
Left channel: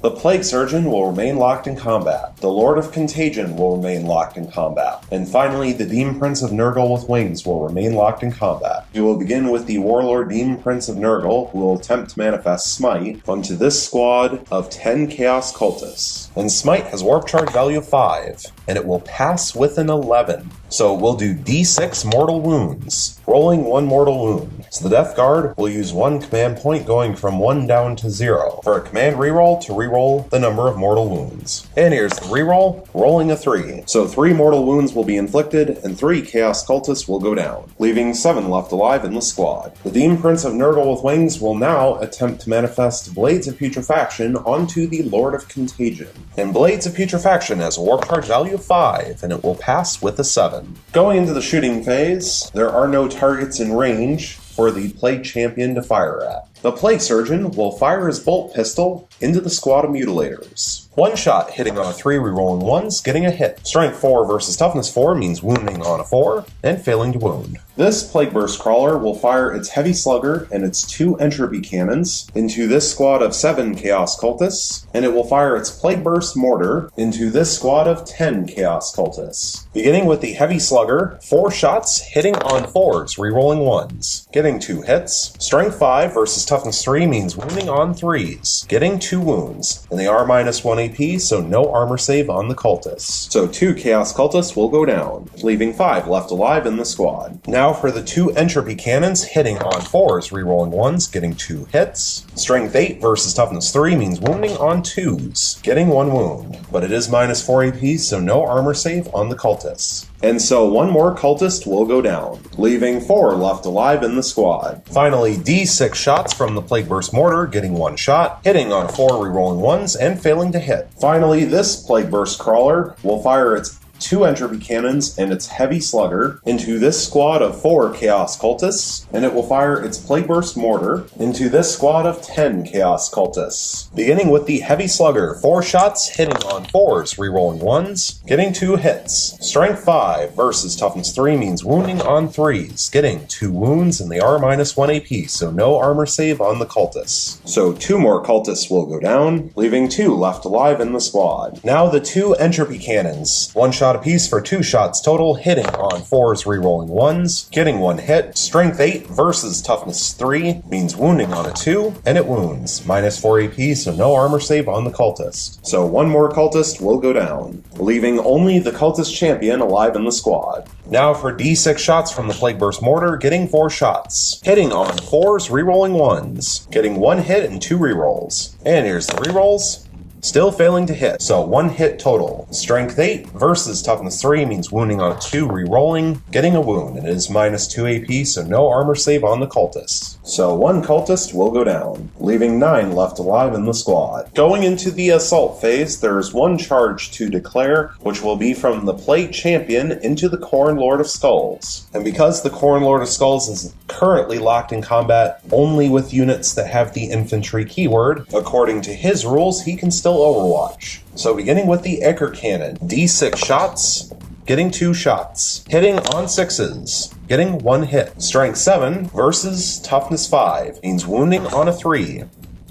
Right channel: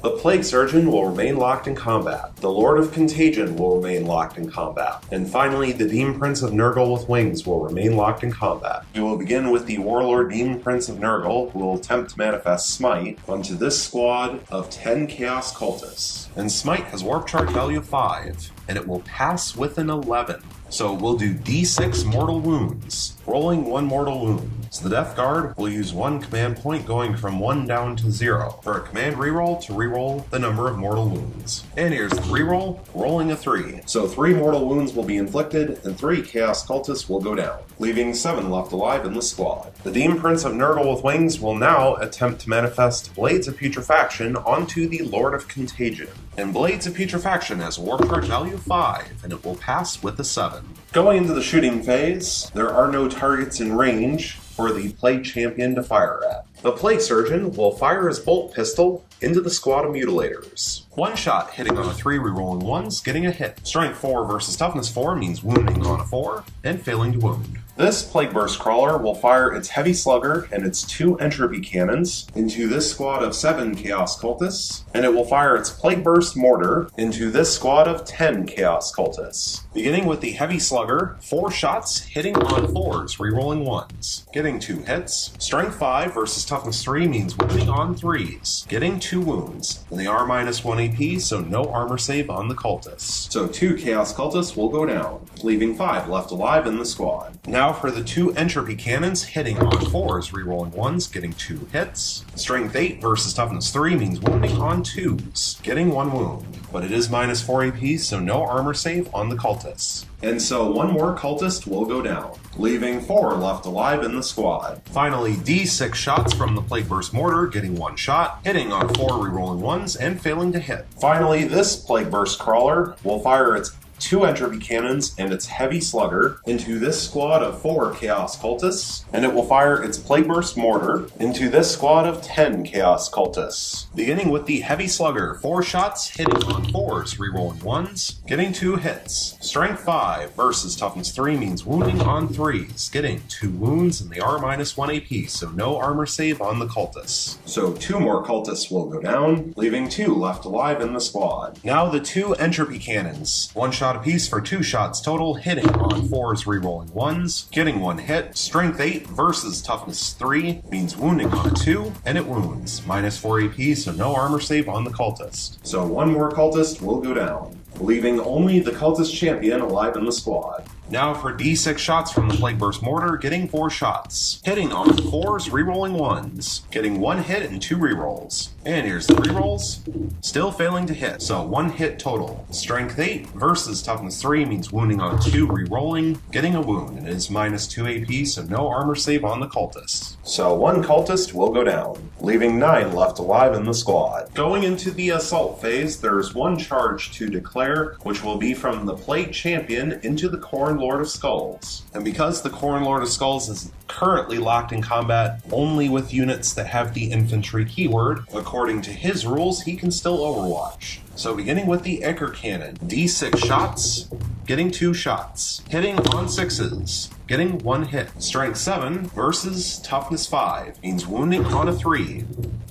The Plague Surgeon will remain locked in combat. The Lord of Contagion will remain locked in combat. And finally, the Demon Prince of Nurgle with Wings will remain locked in combat. We will begin with the Warlord Demon Prince of Nurgle, who will attempt to manifest Smite onto this squad of 10 Chaos Cultists. And Smite has Warp Charge value of 5, and it will pass with an 11. So we'll do D6 mortal wounds, rolling 1 mortal wound. So the Death Guard will use 1 command point going from 1 down to 0 for a command reroll to reroll the number of mortal wounds. And here's the reroll, rolling a 3. So 3 mortal wounds will be inflicted and 3 Chaos Cultists will go down, leaving 7 left alive in the squad. The Demon Prince of Nurgle with Wings will now attempt to manifest Blades of Putrefaction onto the Lord of Contagion. And Blades of Putrefaction has a Warp Charge value of 5, and it will pass with a 7. Going into the shooting phase, there are no targets in range for the Plague Champion to fire at. The Plague Surgeon will fire his bolt pistol into the squad of Mutilators. 1 shot hitting on a 3, rerolling 1s, getting a hit. Strength 4 versus Toughness 4 means wounding on a 4, and failing to wound. This Plague Burst Crawler will fire its Heavy Slugger and its 2 Entropy Cannons into this squad of 7 Chaos Cultists, and it will fire its Plague Burst Mortar into this squad of 10 Chaos Cultists. Beginning with the Heavy Slugger, 4 shots hitting on 4s, rerolling 1s, getting 2 hits. Strength 5 versus Toughness 3 means wounding on 3s, getting 2 wounds, and they are -1 AP, so no armor save on the cultists. So 2 Chaos Cultists will go down, leaving 5 left alive in the squad. Now for the 2 Entropy Cannons hitting on 4s, rerolling 1s, getting 2 hits. Strength 8 versus Toughness 3 means wounding on 2s, getting 1 wound, but it is -4 AP, so no armor save on the cultists. And so 1 more cultist will go down, leaving 4 left alive in the squad. Finally, D6 shots from the Plague Burst Mortar, getting 1 shot, hitting on 4, rerolling 1s, and failing to hit. Finally, this Plague Burst Crawler will fire its 2 Entropy Cannons and its Heavy Slugger into this squad of 4 Chaos Cultists, and it will fire its Plague Burst Mortar into this squad of 10 Chaos Cultists. Beginning with the Heavy Slugger, 4 shots hitting on 4s, rerolling 1s, getting 2 hits. Strength 5 versus Toughness 3 means wounding on 3s, getting 2 wounds, and they are -1 AP, so no armor save on the cultists. So 2 more cultists will go down, leaving 2 left alive in the squad. Now the 2 Entropy Cannons, 1 shot apiece for 2 shots total, hitting on 4s, rerolling 1s, getting 1 hit. Strength 8 versus Toughness 3 means wounding on a 2, and it wounds. -4 AP, so no armor save on the cultist. So 1 more cultist will go down, leaving only the cultist champion alive in the squad. Now for D6 shots from the Plague Burst Mortar, getting 4 shots. Hitting on 4s, rerolling 1s, getting 1 hit and 2 rerolls. And here's the rerolls. Still failing to hit, so 1 hit total. Strength 8 versus versus toughness 3 means wounding on 2, re-rolling, getting a wound, and it is minus 2 AP, so no armor save on the cultist. So 1 cultist will go down, leaving 9 left alive in the squad. Going into the assault phase, there is 1 charge to declare, which will be from the Plague Champion into the Khorne Lord of Skulls. And because the Khorne Lord of Skulls is currently locked in combat only with units that have the infantry keyword, according to his rules, he can still overwatch. So beginning with the Ecker Cannon, D6 shots, getting 2 shots, hitting on 6s, getting 1 hit. Strength 7 versus toughness 5 means wounding on a 3,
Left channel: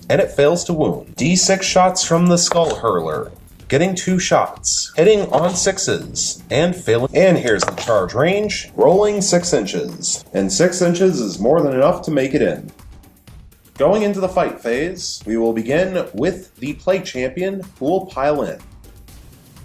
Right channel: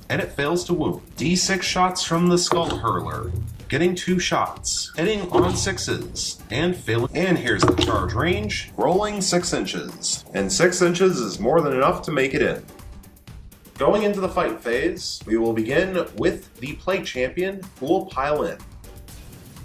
and it fails to wound. D6 shots from the Skull Hurler, getting 2 shots, hitting on 6s, and failing. And here's the charge range, rolling 6 inches, and 6 inches is more than enough to make it in. Going into the fight phase, we will begin with the Plague Champion, who will pile in.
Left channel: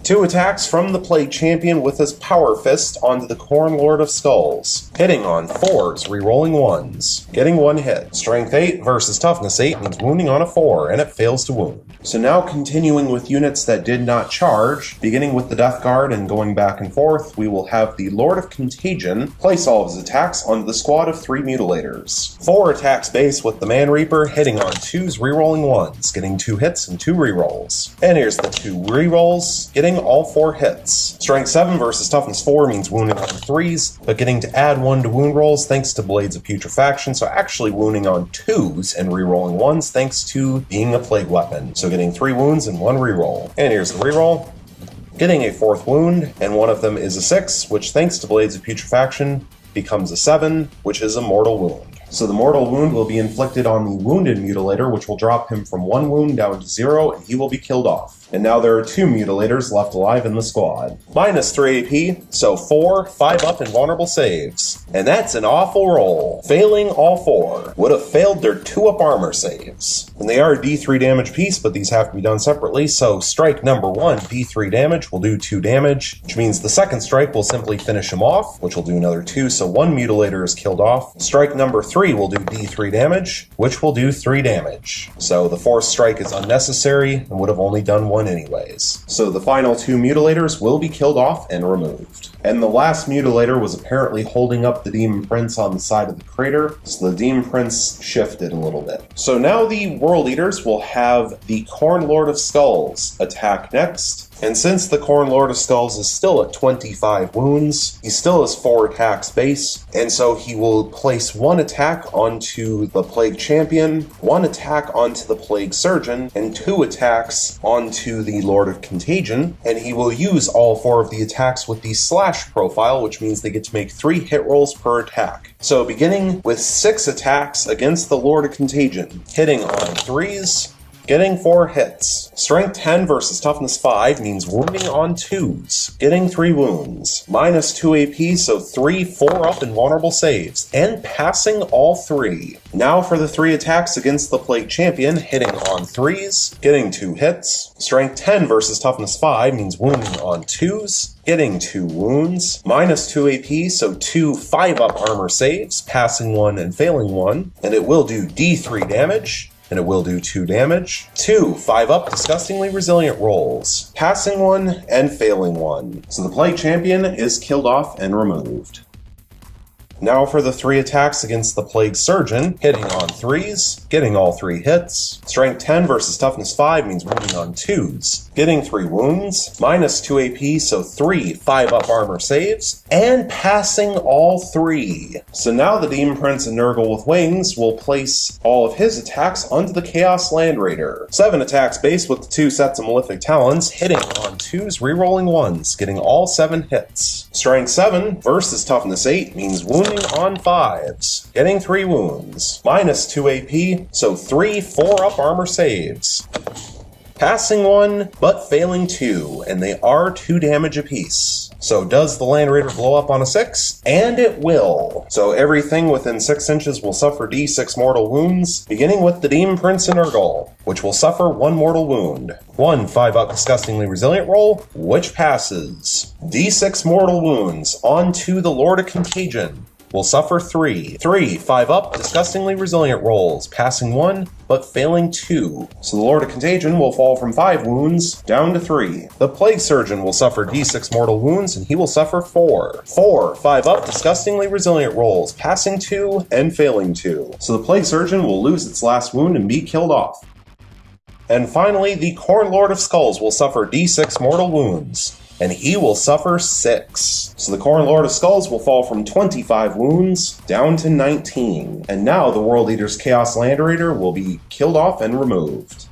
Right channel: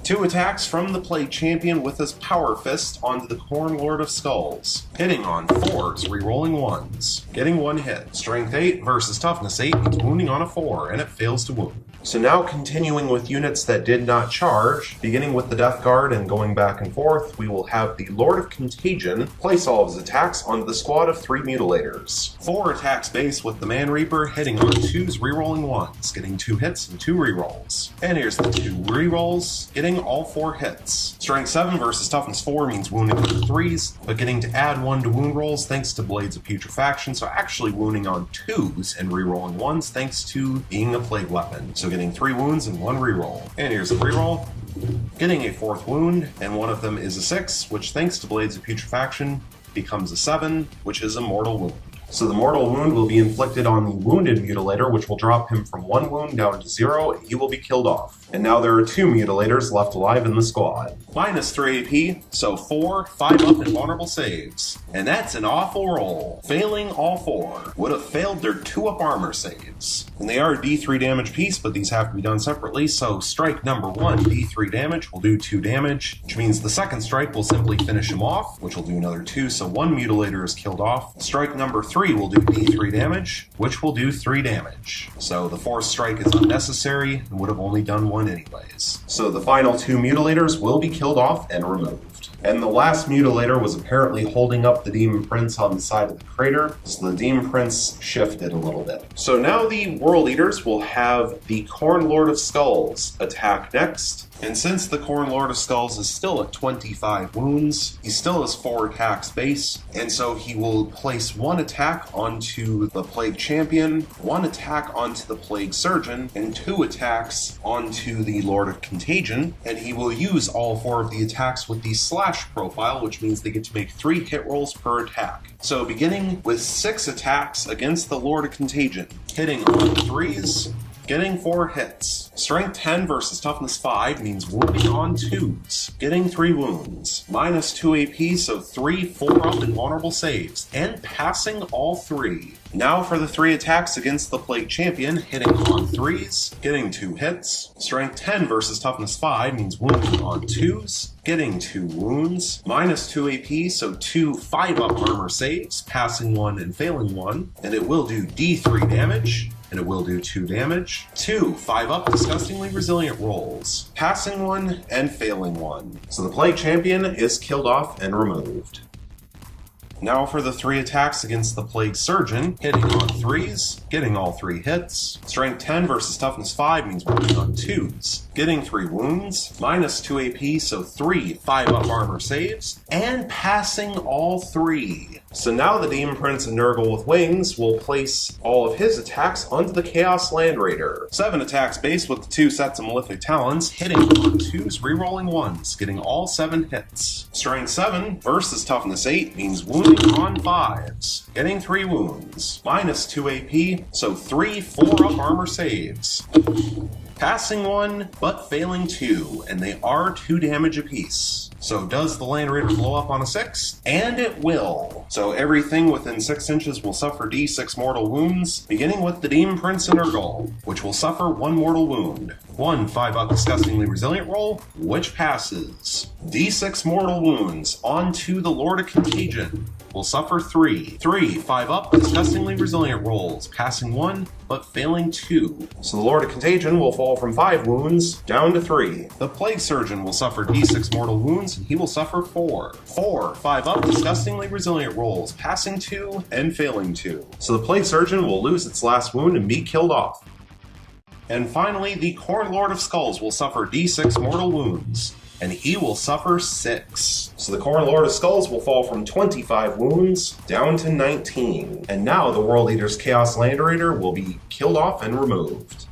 2 attacks from the Plague Champion with his Power Fist onto the Khorne Lord of Skulls, hitting on 4s, re-rolling 1s, getting 1 hit. Strength 8 versus Toughness 8 means wounding on a 4, and it fails to wound. So now continuing with units that did not charge, beginning with the Death Guard and going back and forth, we will have the Lord of Contagion place all of his attacks onto the squad of 3 Mutilators. 4 attacks base with the Man Reaper, hitting on 2s, re-rolling 1s, getting 2 hits and 2 re-rolls. And here's the 2 re-rolls, getting all 4 hits. Strength 7 versus Toughness 4 means wounding on 3s, but getting to add 1 to wound rolls thanks to Blades of Putrefaction, so actually wounding on 2s and re-rolling 1s thanks to being a plague weapon. So getting 3 wounds and 1 re-roll. And here's the re-roll. Getting a 4th wound, and one of them is a 6, which thanks to Blades of Putrefaction becomes a 7, which is a mortal wound. So the mortal wound will be inflicted on the wounded mutilator, which will drop him from 1 wound down to 0, and he will be killed off. And now there are 2 mutilators left alive in the squad. Minus 3 AP, so 4, 5 up invulnerable saves. And that's an awful roll. Failing all 4. Would have failed their 2 up armor saves. And they are D3 damage piece, but these have to be done separately, so strike number 1, D3 damage, will do 2 damage, which means the second strike will simply finish him off, which will do another 2, so 1 mutilator is killed off. Strike number 3 will do D3 damage, which will do 3 damage. So the 4th strike is unnecessary and would have only done 1 anyways. So the final 2 mutilators will be killed off and removed. And the last mutilator was apparently holding up the Demon Prince on the side of the crater, so the Demon Prince shifted a little bit. So now the World Eaters will have the Khorne Lord of Skulls attack next. And since the Khorne Lord of Skulls is still at 25 wounds, he still has 4 attacks base, and so he will place 1 attack onto the Plague Champion, 1 attack onto the Plague Surgeon, and 2 attacks onto the Lord of Contagion, and he will use all 4 of the attacks with the slash profile, which means they get to make 3 hit rolls per attack. So beginning with 6 attacks against the Lord of Contagion, hitting on 3s, getting 4 hits. Strength 10 versus Toughness 5 means wounding on 2s, getting 3 wounds. Minus 2 AP, so 3 4-up invulnerable saves, and passing all 3. Now for the 3 attacks against the Plague Champion, hitting on 3s, getting 2 hits. Strength 10 versus Toughness 5 means wounding on 2s, getting 2 wounds. Minus 2 AP, so 2 5-up armor saves, passing 1 and failing 1, and it will do D3 damage. And it will do 2 damage. 2 5-up disgustingly resilient rolls, passing 1 and failing 1. So the Plague Champion is killed off and removed. Now for the 3 attacks against the Plague Surgeon, hitting on 3s, getting all 3 hits. Strength 10 versus Toughness 5 means wounding on 2s, getting 3 wounds. Minus 2 AP, so 3 5-up armor saves, and passing all 3. So now the Demon Prince and Nurgle with Wings will place all of his attacks onto the Chaos Land Raider. 7 attacks base with the 2 sets of Malefic Talons, hitting on 2s, re-rolling 1s, getting all 7 hits. Strength 7 versus Toughness 8 means wounding on 5s, getting 3 wounds. Minus 2 AP, so 3 4-up armor saves. Passing 1, but failing 2, and they are 2 damage apiece. So does the Land Raider blow up on a 6? And it will. So everything within 6 inches will suffer D6 mortal wounds, beginning with the Demon Prince and Nurgle, which will suffer 1 mortal wound. 1 5-up disgustingly resilient roll, which passes. D6 mortal wounds onto the Lord of Contagion, will suffer 3. 3 5 up, disgustingly resilient rolls, passing 1, but failing 2. So the Lord of Contagion will fall from 5 wounds down to 3. The Plague Surgeon will suffer d6 mortal wounds, and he will suffer 4. 4 5 up, disgustingly resilient rolls, passing 2 and failing 2. So the Plague Surgeon will lose its last wound and be killed off. And finally, the Khorne Lord of Skulls will suffer d6 mortal wounds, and he will suffer 6. So the Khorne Lord of Skulls will fall from 25 wounds down to 19. And now the World Eater's Chaos Land Raider will be killed off and removed.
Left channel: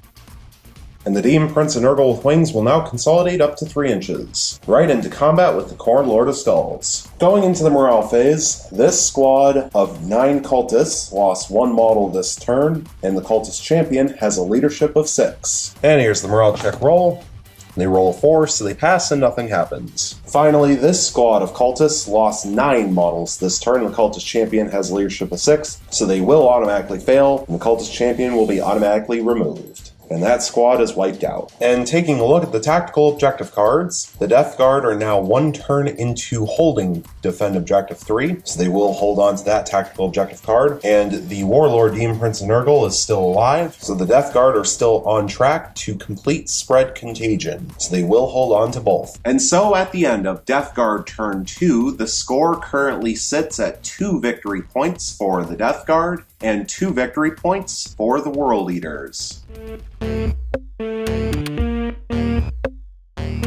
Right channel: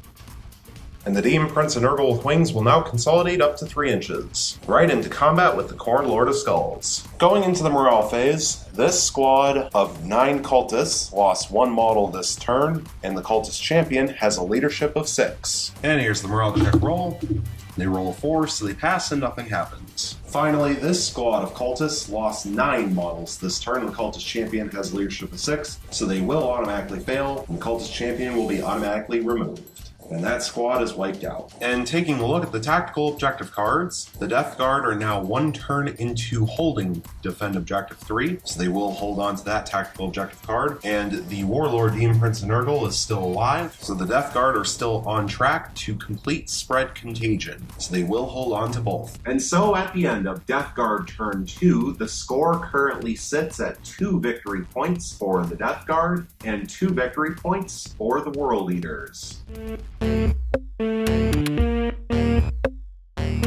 And the Demon Prince and Nurgle with Wings will now consolidate up to 3 inches, right into combat with the Khorne Lord of Skulls. Going into the morale phase, this squad of 9 cultists lost 1 model this turn, and the cultist champion has a leadership of 6. And here's the morale check roll. They roll a 4, so they pass and nothing happens. Finally, this squad of cultists lost 9 models this turn. The cultist champion has a leadership of 6, so they will automatically fail, and the cultist champion will be automatically removed. And that squad is wiped out. And taking a look at the tactical objective cards, the Death Guard are now 1 turn into holding Defend Objective 3, so they will hold on to that tactical objective card. And the Warlord Demon Prince of Nurgle is still alive, so the Death Guard are still on track to complete Spread Contagion, so they will hold on to both. And so at the end of Death Guard turn 2, the score currently sits at 2 victory points for the Death Guard and 2 victory points for the World Eaters.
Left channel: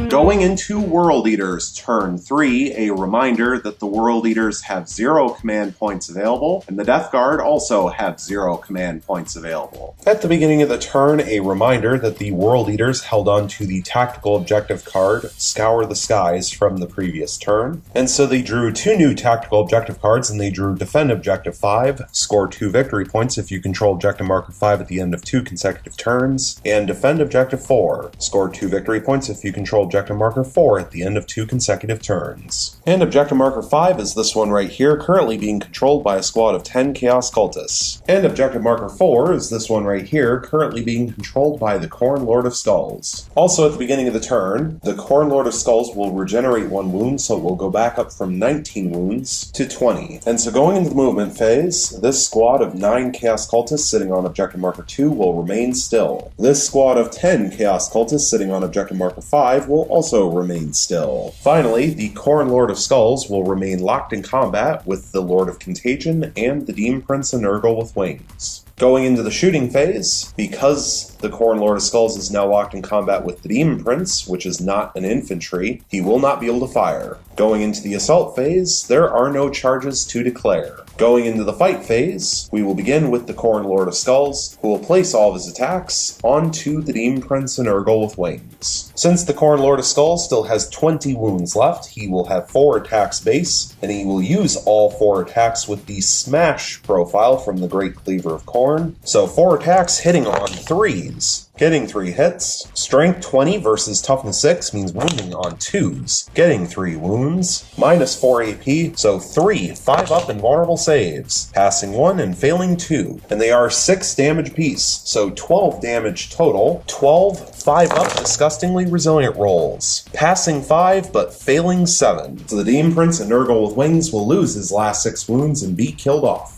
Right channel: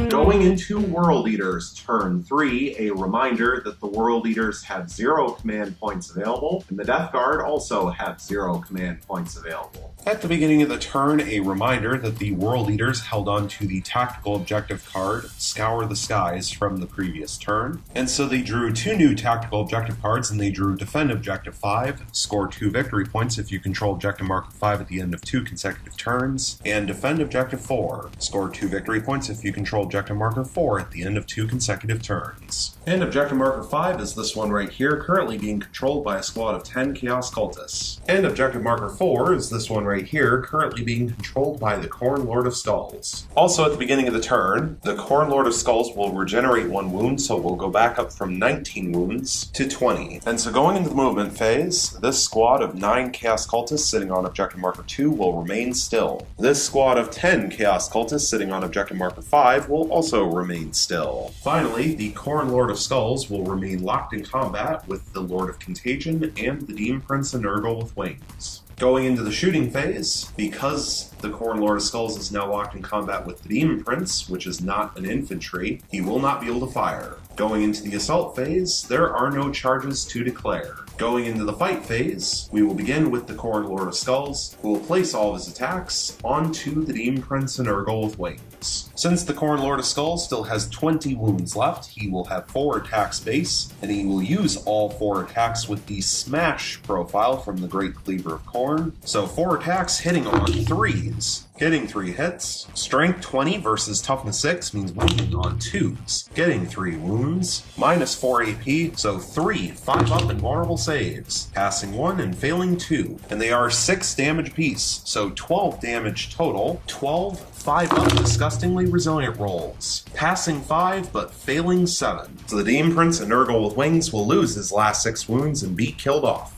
Going into World Eaters turn 3, a reminder that the World Eaters have 0 command points available, and the Death Guard also have 0 command points available. At the beginning of the turn, a reminder that the World Eaters held on to the tactical objective card, Scour the Skies, from the previous turn, and so they drew 2 new tactical objective cards, and they drew Defend Objective 5, score 2 victory points if you control Objective Marker 5 at the end of 2 consecutive turns, and Defend Objective 4, score 2 victory points if you control Objective Marker 4 at the end of 2 consecutive turns. And Objective Marker 5 is this one right here, currently being controlled by a squad of 10 Chaos Cultists. And Objective Marker 4 is this one right here, currently being controlled by the Khorne Lord of Skulls. Also at the beginning of the turn, the Khorne Lord of Skulls will regenerate 1 wound, so it will go back up from 19 wounds to 20. And so going into the movement phase, this squad of 9 Chaos Cultists sitting on Objective Marker 2 will remain still. This squad of 10 Chaos Cultists sitting on Objective Marker 5 will also remain still. Finally, the Khorne Lord of Skulls will remain locked in combat with the Lord of Contagion and the Demon Prince of Nurgle with Wings. Going into the shooting phase, because the Khorne Lord of Skulls is now locked in combat with the Demon Prince, which is not an infantry, he will not be able to fire. Going into the assault phase, there are no charges to declare. Going into the fight phase, we will begin with the Khorne Lord of Skulls, who will place all of his attacks onto the Demon Prince and Nurgle with Wings. Since the Khorne Lord of Skulls still has 20 wounds left, he will have 4 attacks base, and he will use all 4 attacks with the Smash profile from the Great Cleaver of Khorne. So 4 attacks hitting on 3s. Getting 3 hits. Strength 20 versus Toughness 6 means wounding on 2s. Getting 3 wounds. Minus 4 AP, so 3 5 up invulnerable saves. Passing 1 and failing 2. And they are 6 damage apiece, so 12 damage total. 12 5 up disgustingly resilient rolls. Passing 5 but failing 7. So the Demon Prince and Nurgle with Wings will lose his last 6 wounds and be killed off.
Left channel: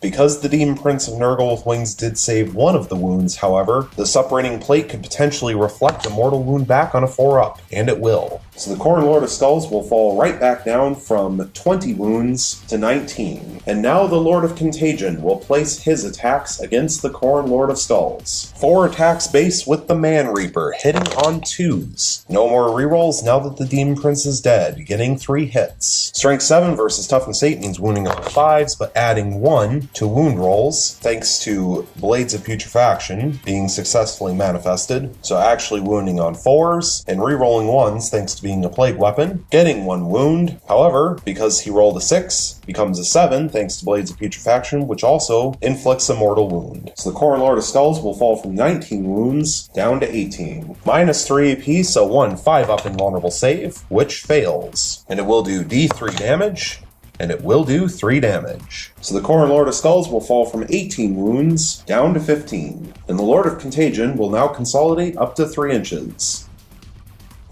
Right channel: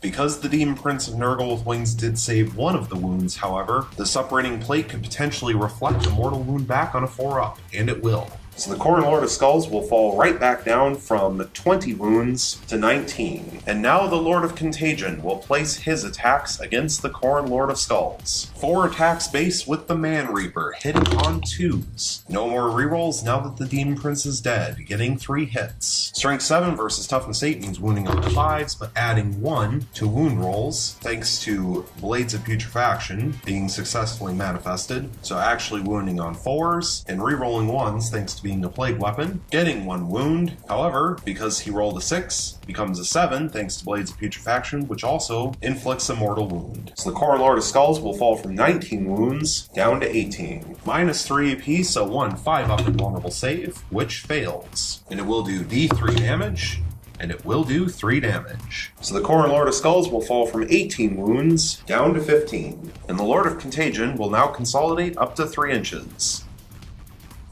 Because the Demon Prince of Nurgle with Wings did save 1 of the wounds, however, the separating plate could potentially reflect a mortal wound back on a 4-up, and it will. So the Khorne Lord of Skulls will fall right back down from 20 wounds to 19. And now the Lord of Contagion will place his attacks against the Khorne Lord of Skulls. 4 attacks base with the Man Reaper, hitting on 2s. No more rerolls now that the Demon Prince is dead, getting 3 hits. Strength 7 versus Toughness 8 means wounding on 5s, but adding 1 to wound rolls, thanks to Blades of Putrefaction being successfully manifested, so actually wounding on 4s, and rerolling 1s thanks to being a plague weapon, getting 1 wound. However, because he rolled a 6, becomes a 7 thanks to Blades of Putrefaction, which also inflicts a mortal wound. So the Khorne Lord of Skulls will fall from 19 wounds down to 18. Minus 3 AP, so 1 5 up invulnerable save, which fails. And it will do D3 damage, and it will do 3 damage. So the Khorne Lord of Skulls will fall from 18 wounds down to 15. And the Lord of Contagion will now consolidate up to 3 inches.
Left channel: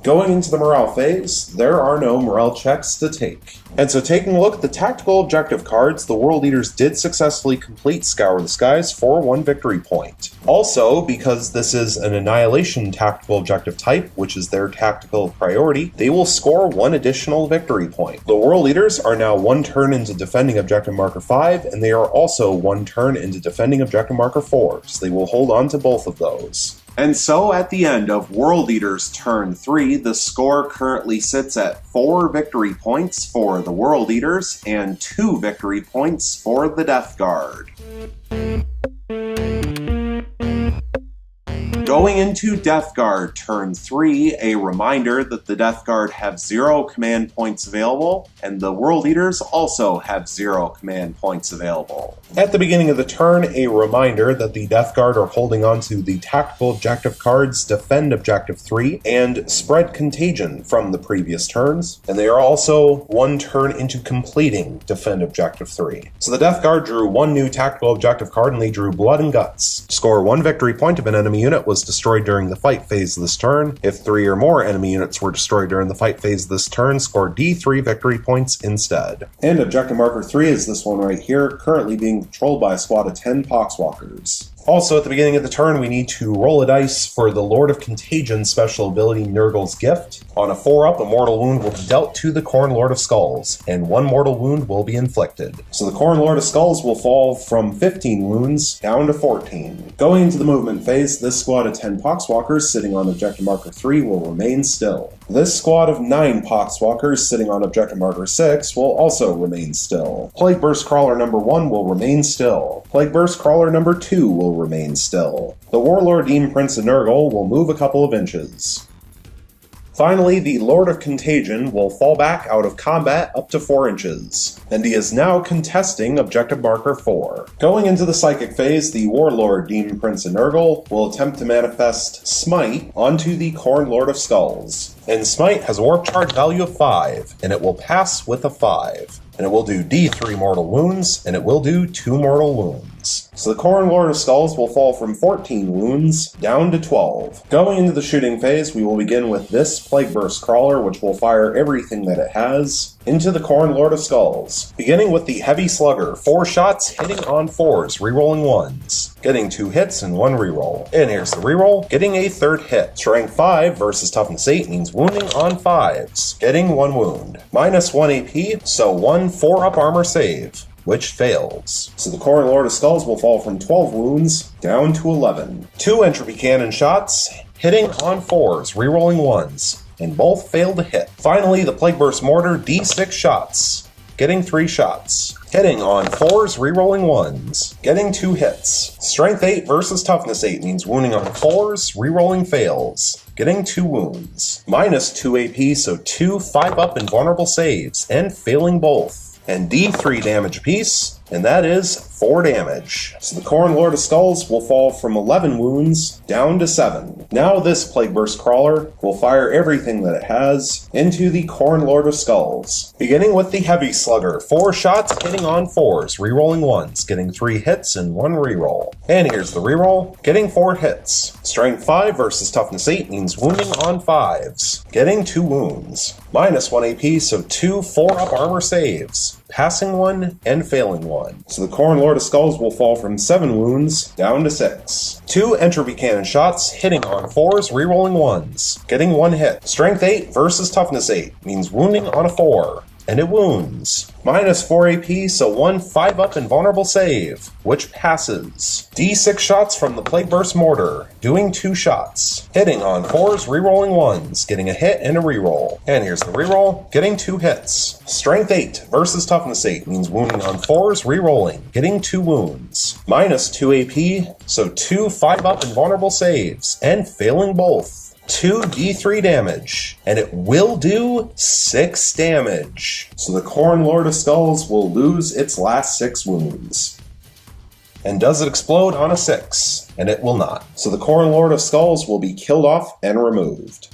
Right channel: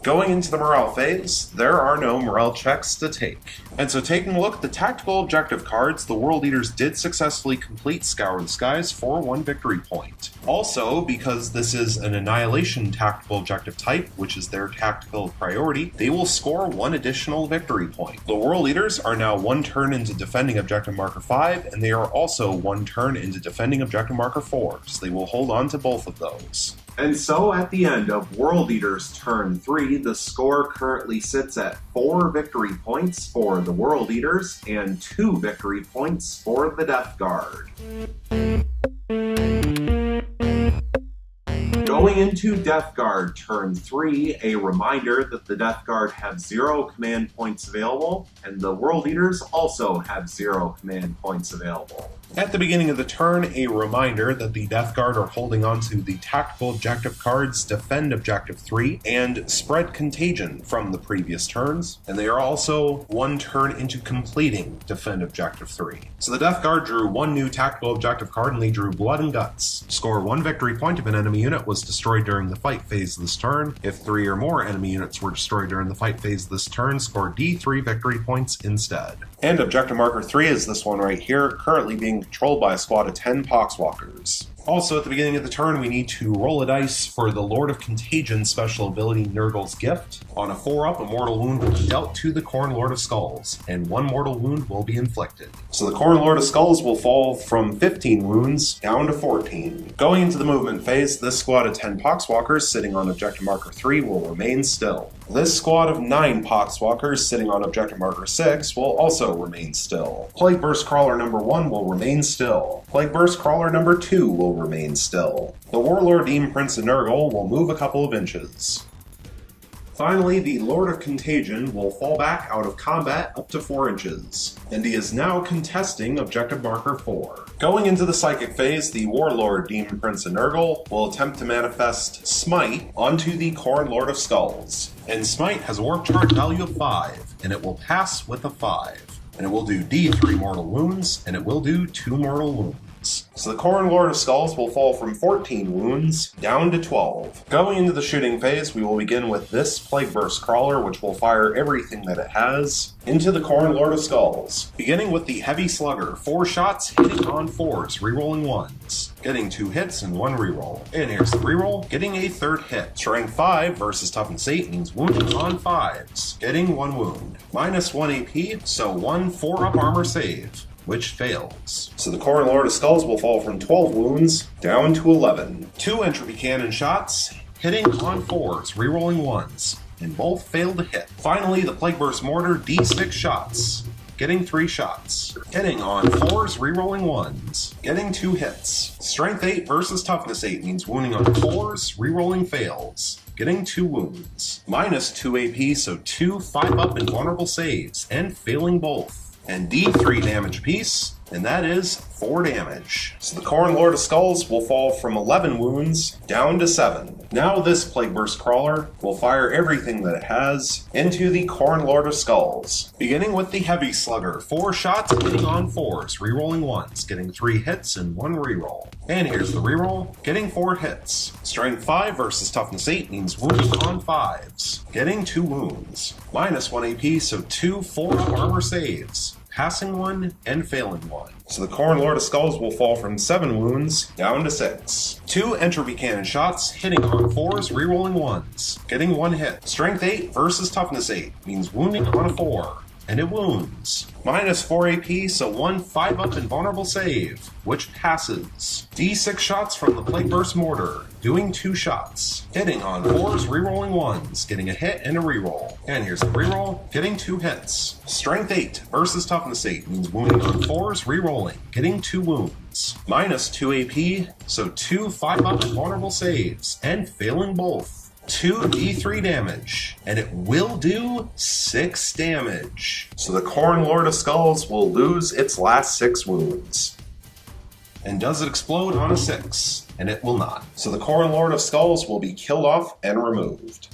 Going into the morale phase, there are no morale checks to take. And so taking a look at the tactical objective cards, the World Eaters did successfully complete Scour the Skies for 1 victory point. Also, because this is an Annihilation tactical objective type, which is their tactical priority, they will score 1 additional victory point. The World Eaters are now 1 turn into defending objective marker 5, and they are also 1 turn into defending objective marker 4, so they will hold on to both of those. And so at the end of World Eaters turn 3, the score currently sits at 4 victory points for the World Eaters and 2 victory points for the Death Guard. Going into Death Guard turn 3, a reminder that the Death Guard have 0 command points available, and the World Eaters also have 0 command points available. At the beginning of the turn, a reminder that the Death Guard are holding on to the tactical objective cards Defend Objective 3 and Spread Contagion from the previous turns, and they are also 1 turn into completing Defend Objective 3. So the Death Guard drew 1 new tactical objective card and they drew Blood and Guts. Score 1 victory point if an enemy unit was destroyed during the fight phase this turn. If 3 or more enemy units were destroyed during the fight phase this turn, score D3 victory points instead. And objective marker 3 is this one right here, currently being controlled by a squad of 10 Poxwalkers. Also, at the beginning of the turn, we need to roll a dice for the Lord of Contagion special ability Nurgle's Gift. On a 4-up, a mortal wound will be dealt to the Khorne Lord of Skulls, and 1 mortal wound will be inflicted. So the Khorne Lord of Skulls will fall from 15 wounds down to 14. Going into the movement phase, this squad of 10 Poxwalkers sitting on objective marker 3 will remain still. This squad of 9 Poxwalkers sitting on objective marker 6 will also remain still. Plague Burst Crawler number 1 will remain still. Plague Burst Crawler number 2 will remain still. The Warlord Demon Prince of Nurgle will move a couple of inches. Finally, the Lord of Contagion will fall back out of combat up to 4 inches, and he is now contesting objective marker 4. Going into the Psychic phase, the Warlord Demon Prince of Nurgle will attempt to manifest Smite onto the Khorne Lord of Skulls. And Smite has a warp charge value of 5, and it will pass with a 5. And it will do D3 mortal wounds, and it will do 2 mortal wounds. So the Khorne Lord of Skulls will fall from 14 wounds down to 12. Going into the shooting phase, we will begin with this Plague Burst Crawler, which will fire everything that it has into the Khorne Lord of Skulls. Beginning with the Heavy Slugger, 4 shots hitting on 4s, rerolling 1s. Getting 2 hits and 1 reroll. And here's the reroll, getting a 3rd hit. Strength 5 versus Toughness 8 means wounding on 5s. Getting 1 wound. Minus 1 AP, so 1 4-up armor save, which fails. So the Khorne Lord of Skulls will fall from 12 wounds down to 11. 2 Entropy Cannon shots, hitting on 4s, rerolling 1s, and both fail to hit. Finally, the Plague Burst Mortar, D6 shots, getting 3 shots. Hitting on 4s, rerolling 1s, getting 2 hits. Strength 8 versus Toughness 8 means wounding on 4s, rerolling fails, getting 2 wounds. Minus 2 AP, so 2 5-up invulnerable saves, and failing both. And D3 damage apiece, and that is 4 damage. So the Khorne Lord of Skulls will fall from 11 wounds down to 7. Now this Plague Burst Crawler will fire everything that it has into the Khorne Lord of Skulls. Beginning with the Heavy Slugger, 4 shots hitting on 4s, rerolling 1s, getting 3 hits and 1 reroll. And here's the reroll, getting 4 hits. Strength 5 versus Toughness 8 means wounding on 5s, getting 2 wounds. Minus 1 AP, so 2 4-up armor saves, passing 1 and failing 1. So the Khorne Lord of Skulls will fall from 7 wounds down to 6. 2 Entropy Cannon shots, hitting on 4s, rerolling 1s, getting 1 hit. Strength 8 versus Toughness 8 means wounding on a 4, and it wounds. Minus 4 AP, so 1 5-up invulnerable save, which passes. D6 shots from the Plague Burst Mortar, doing 2 shots. Hitting on 4s, rerolling 1s, getting a hit and a reroll. And here's the reroll, getting 2 hits. Strength 8 versus Toughness 8 means wounding on 4s, rerolling, getting 2 wounds. Minus 2 AP, so 2 5-up invulnerable saves, and failing both. 2 D3 damage, and it will do 6 damage. So the Khorne Lord of Skulls will lose its last 6 wounds. And does it explode on a 6? And it will not. So the Khorne Lord of Skulls will be killed off and removed.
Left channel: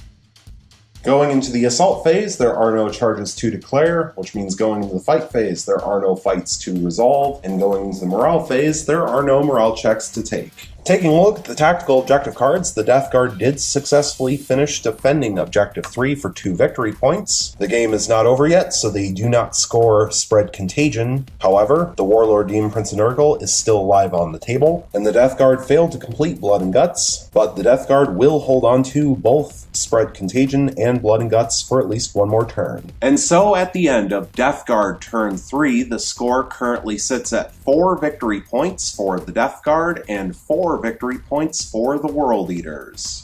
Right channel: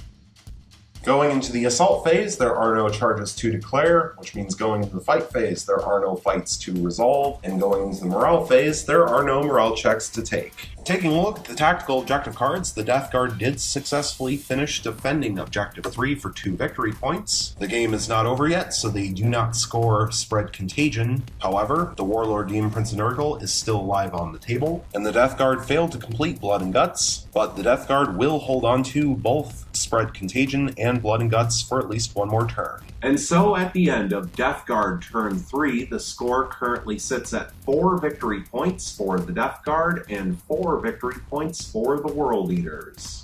Going into the assault phase, there are no charges to declare, which means going into the fight phase, there are no fights to resolve, and going into the morale phase, there are no morale checks to take. Taking a look at the tactical objective cards, the Death Guard did successfully finish defending Objective 3 for 2 victory points. The game is not over yet, so they do not score Spread Contagion. However, the Warlord Demon Prince of Nurgle is still alive on the table, and the Death Guard failed to complete Blood and Guts, but the Death Guard will hold on to both Spread Contagion and Blood and Guts for at least one more turn. And so at the end of Death Guard turn 3, the score currently sits at 4 victory points for the Death Guard and 4 victory points for the World Eaters.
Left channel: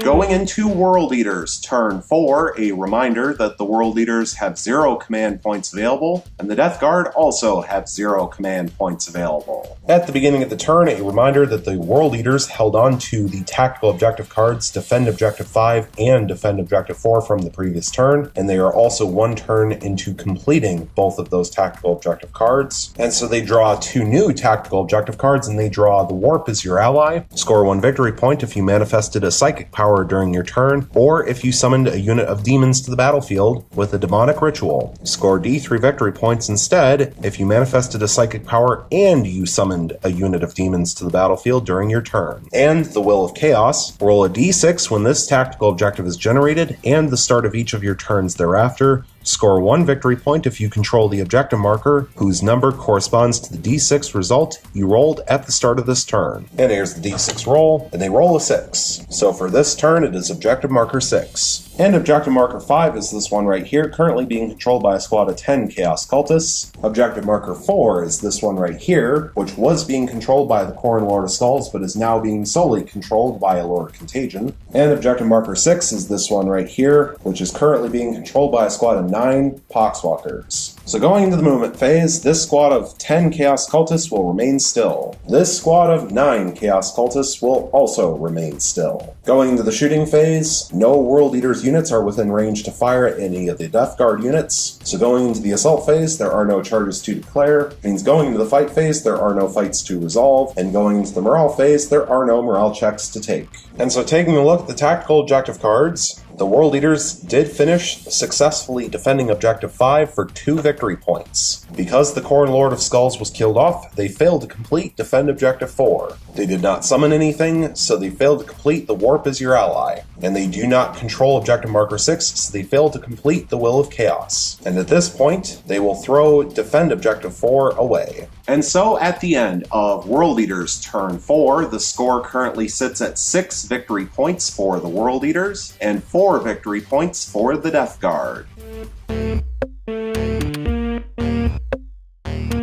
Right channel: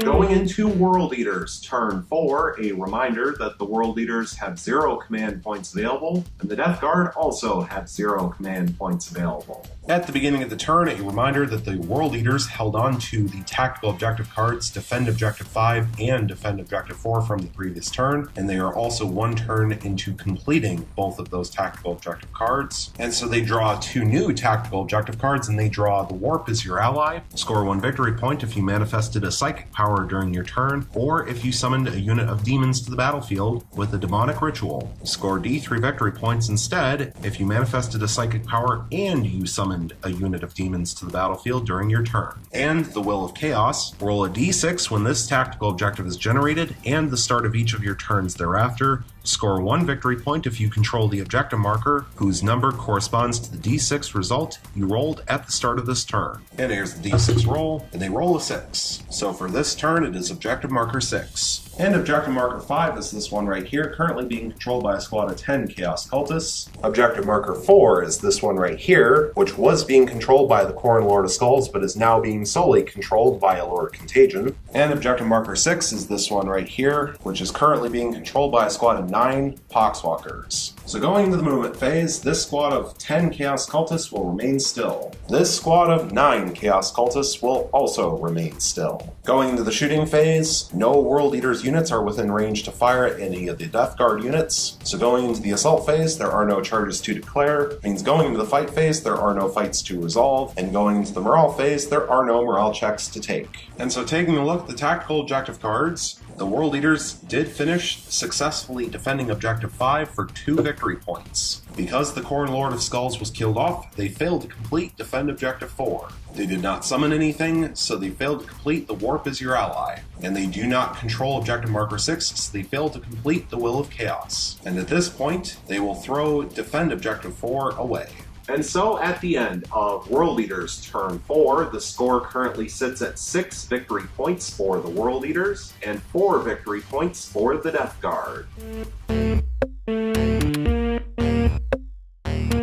Going into World Eaters turn 4, a reminder that the World Eaters have 0 command points available, and the Death Guard also have 0 command points available. At the beginning of the turn, a reminder that the World Eaters held on to the tactical objective cards Defend Objective 5 and Defend Objective 4 from the previous turn, and they are also 1 turn into completing both of those tactical objective cards. And so they draw 2 new tactical objective cards, and they draw the Warp as your ally. Score 1 victory point if you manifested a psychic power during your turn, or if you summoned a unit of demons to the battlefield with a demonic ritual. Score D3 victory points instead if you manifested a psychic power and you summoned a unit of demons to the battlefield during your turn. And the Will of Chaos. Roll a D6 when this tactical objective is generated and the start of each of your turns thereafter. Score 1 victory point if you control the objective marker, whose number corresponds to the D6 result you rolled at the start of this turn. And here's the D6 roll, and they roll a 6. So for this turn, it is objective marker 6. And objective marker 5 is this one right here, currently being controlled by a squad of 10 Chaos Cultists. Objective marker 4 is this one right here, which was being controlled by the Khorne Lord of Skulls, but is now being solely controlled by a Lord Contagion. And objective marker 6 is this one right here, which is currently being controlled by a squad of 9 Poxwalkers. So going into the movement phase, this squad of 10 Chaos Cultists will remain still. This squad of 9 Chaos Cultists will also remain still. Going into the shooting phase, no World Eaters units are within range to fire at any of the Death Guard units. So going into the assault phase, there are no charges to declare. It means going into the fight phase, there are no fights to resolve. And going into the morale phase, there are no morale checks to take. And so taking a look at the tactical objective cards, the World Eaters did finish successfully defending Objective 5 for 2 victory points. Because the Khorne Lord of Skulls was killed off, they failed to complete Defend Objective 4. They did not summon anything, so they failed to complete the Warp as your ally. And they do not control Objective Marker 6, so they failed to complete the Will of Chaos. And at this point, they will throw Defend Objective 4 away. And so at the end of World Eaters turn 4, the score currently sits at 6 victory points for the World Eaters and 4 victory points for the Death Guard.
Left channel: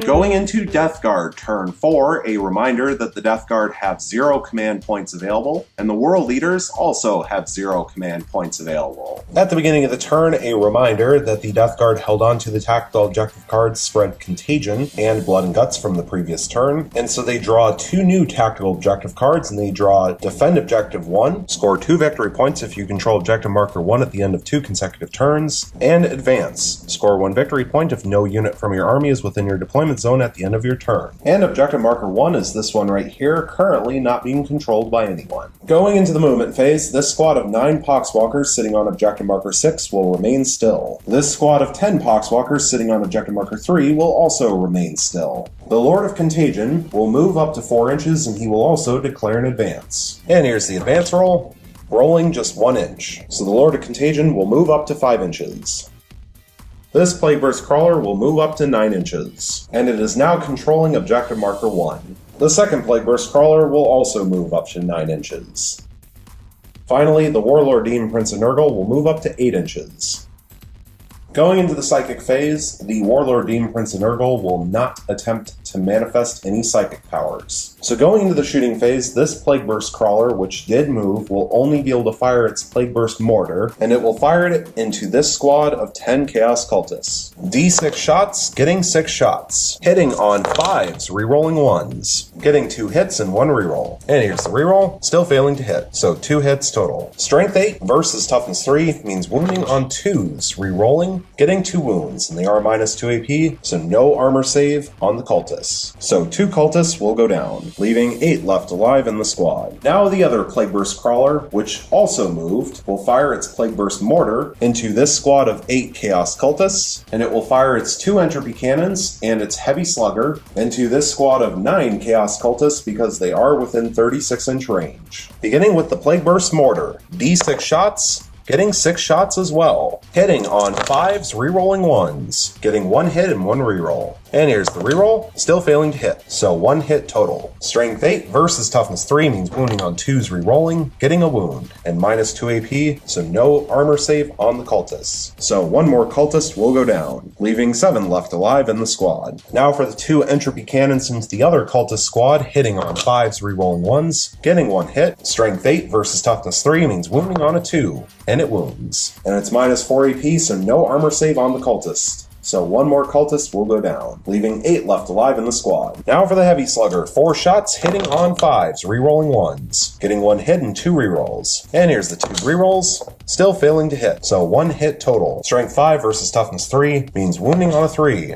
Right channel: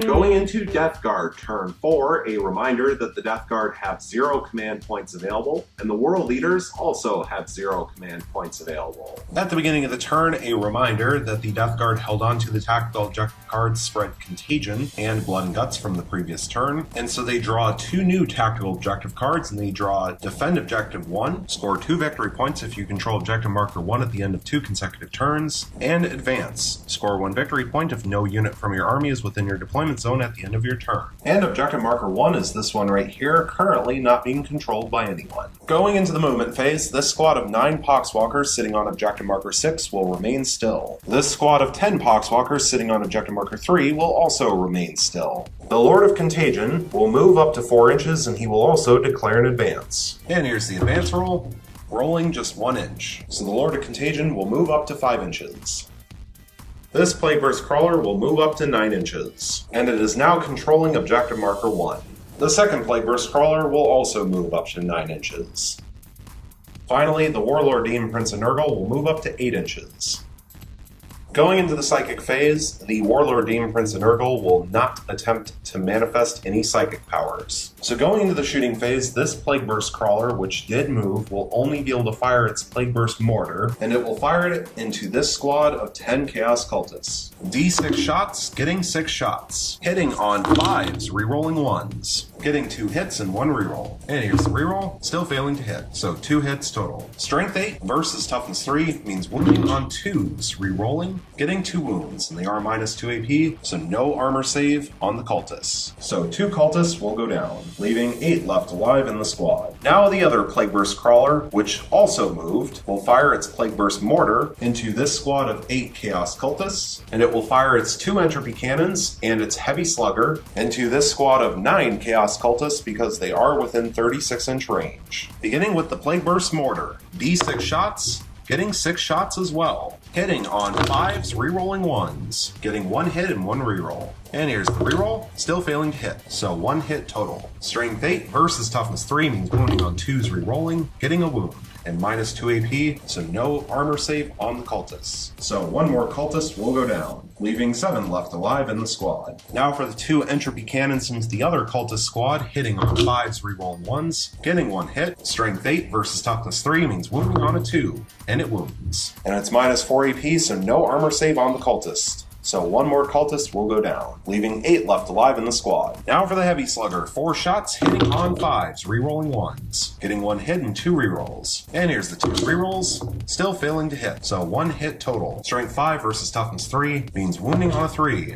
Going into Death Guard turn 4, a reminder that the Death Guard have 0 command points available, and the World Eaters also have 0 command points available. At the beginning of the turn, a reminder that the Death Guard held on to the tactical objective cards Spread Contagion and Blood and Guts from the previous turn, and so they draw 2 new tactical objective cards, and they draw Defend Objective 1, score 2 victory points if you control Objective Marker 1 at the end of 2 consecutive turns, and Advance, score 1 victory point if no unit from your army is within your deployment zone at the end of your turn. And Objective Marker 1 is this one right here, currently not being controlled by anyone. Going into the movement phase, this squad of 9 Poxwalkers sitting on Objective Marker 6 will remain still. This squad of 10 Poxwalkers sitting on Objective Marker 3 will also remain still. The Lord of Contagion will move up to 4 inches, and he will also declare an advance. And here's the advance roll, rolling just 1 inch. So the Lord of Contagion will move up to 5 inches. This Plague Burst Crawler will move up to 9 inches, and it is now controlling Objective Marker 1. The second Plague Burst Crawler will also move up to 9 inches. Finally, the Warlord Demon Prince of Nurgle will move up to 8 inches. Going into the Psychic phase, the Warlord Demon Prince of Nurgle will not attempt to manifest any psychic powers. So going into the shooting phase, this Plague Burst Crawler, which did move, will only be able to fire its Plague Burst Mortar, and it will fire it into this squad of 10 Chaos Cultists. D6 shots, getting 6 shots. Hitting on 5s, rerolling 1s. Getting 2 hits and 1 reroll. And here's the reroll, still failing to hit, so 2 hits total. Strength 8 versus Toughness 3 means wounding on 2s, rerolling, getting 2 wounds, and they are -2 AP, so no armor save on the cultist. this. So 2 cultists will go down, leaving 8 left alive in the squad. Now the other Plague Burst Crawler, which also moved, will fire its Plague Burst Mortar into this squad of 8 Chaos Cultists, and it will fire its 2 Entropy Cannons and its Heavy Slugger into this squad of 9 Chaos Cultists because they are within 36-inch range. Beginning with the Plague Burst Mortar, D6 shots, getting 6 shots as well. Hitting on 5s, rerolling 1s. Getting 1 hit and 1 reroll. And here's the reroll, still failing to hit, so 1 hit total. Strength 8 versus Toughness 3 means wounding on 2s rerolling, getting a wound, and minus 2 AP, so no armor save on the cultists. So 1 more cultist will go down, leaving 7 left alive in the squad. Now for the 2 Entropy Cannons into the other cultist squad, hitting on 5s, rerolling 1s, getting 1 hit. Strength 8 versus Toughness 3 means wounding on a 2, and it wounds. And it's minus 4 AP, so no armor save on the cultist. So 1 more cultist will go down, leaving 8 left alive in the squad. Now for the Heavy Slugger, 4 shots, hitting on 5s, rerolling 1s, getting 1 hit and 2 rerolls. And here's the 2 rerolls, still failing to hit, so 1 hit total. Strength 5 versus Toughness 3 means wounding on a 3.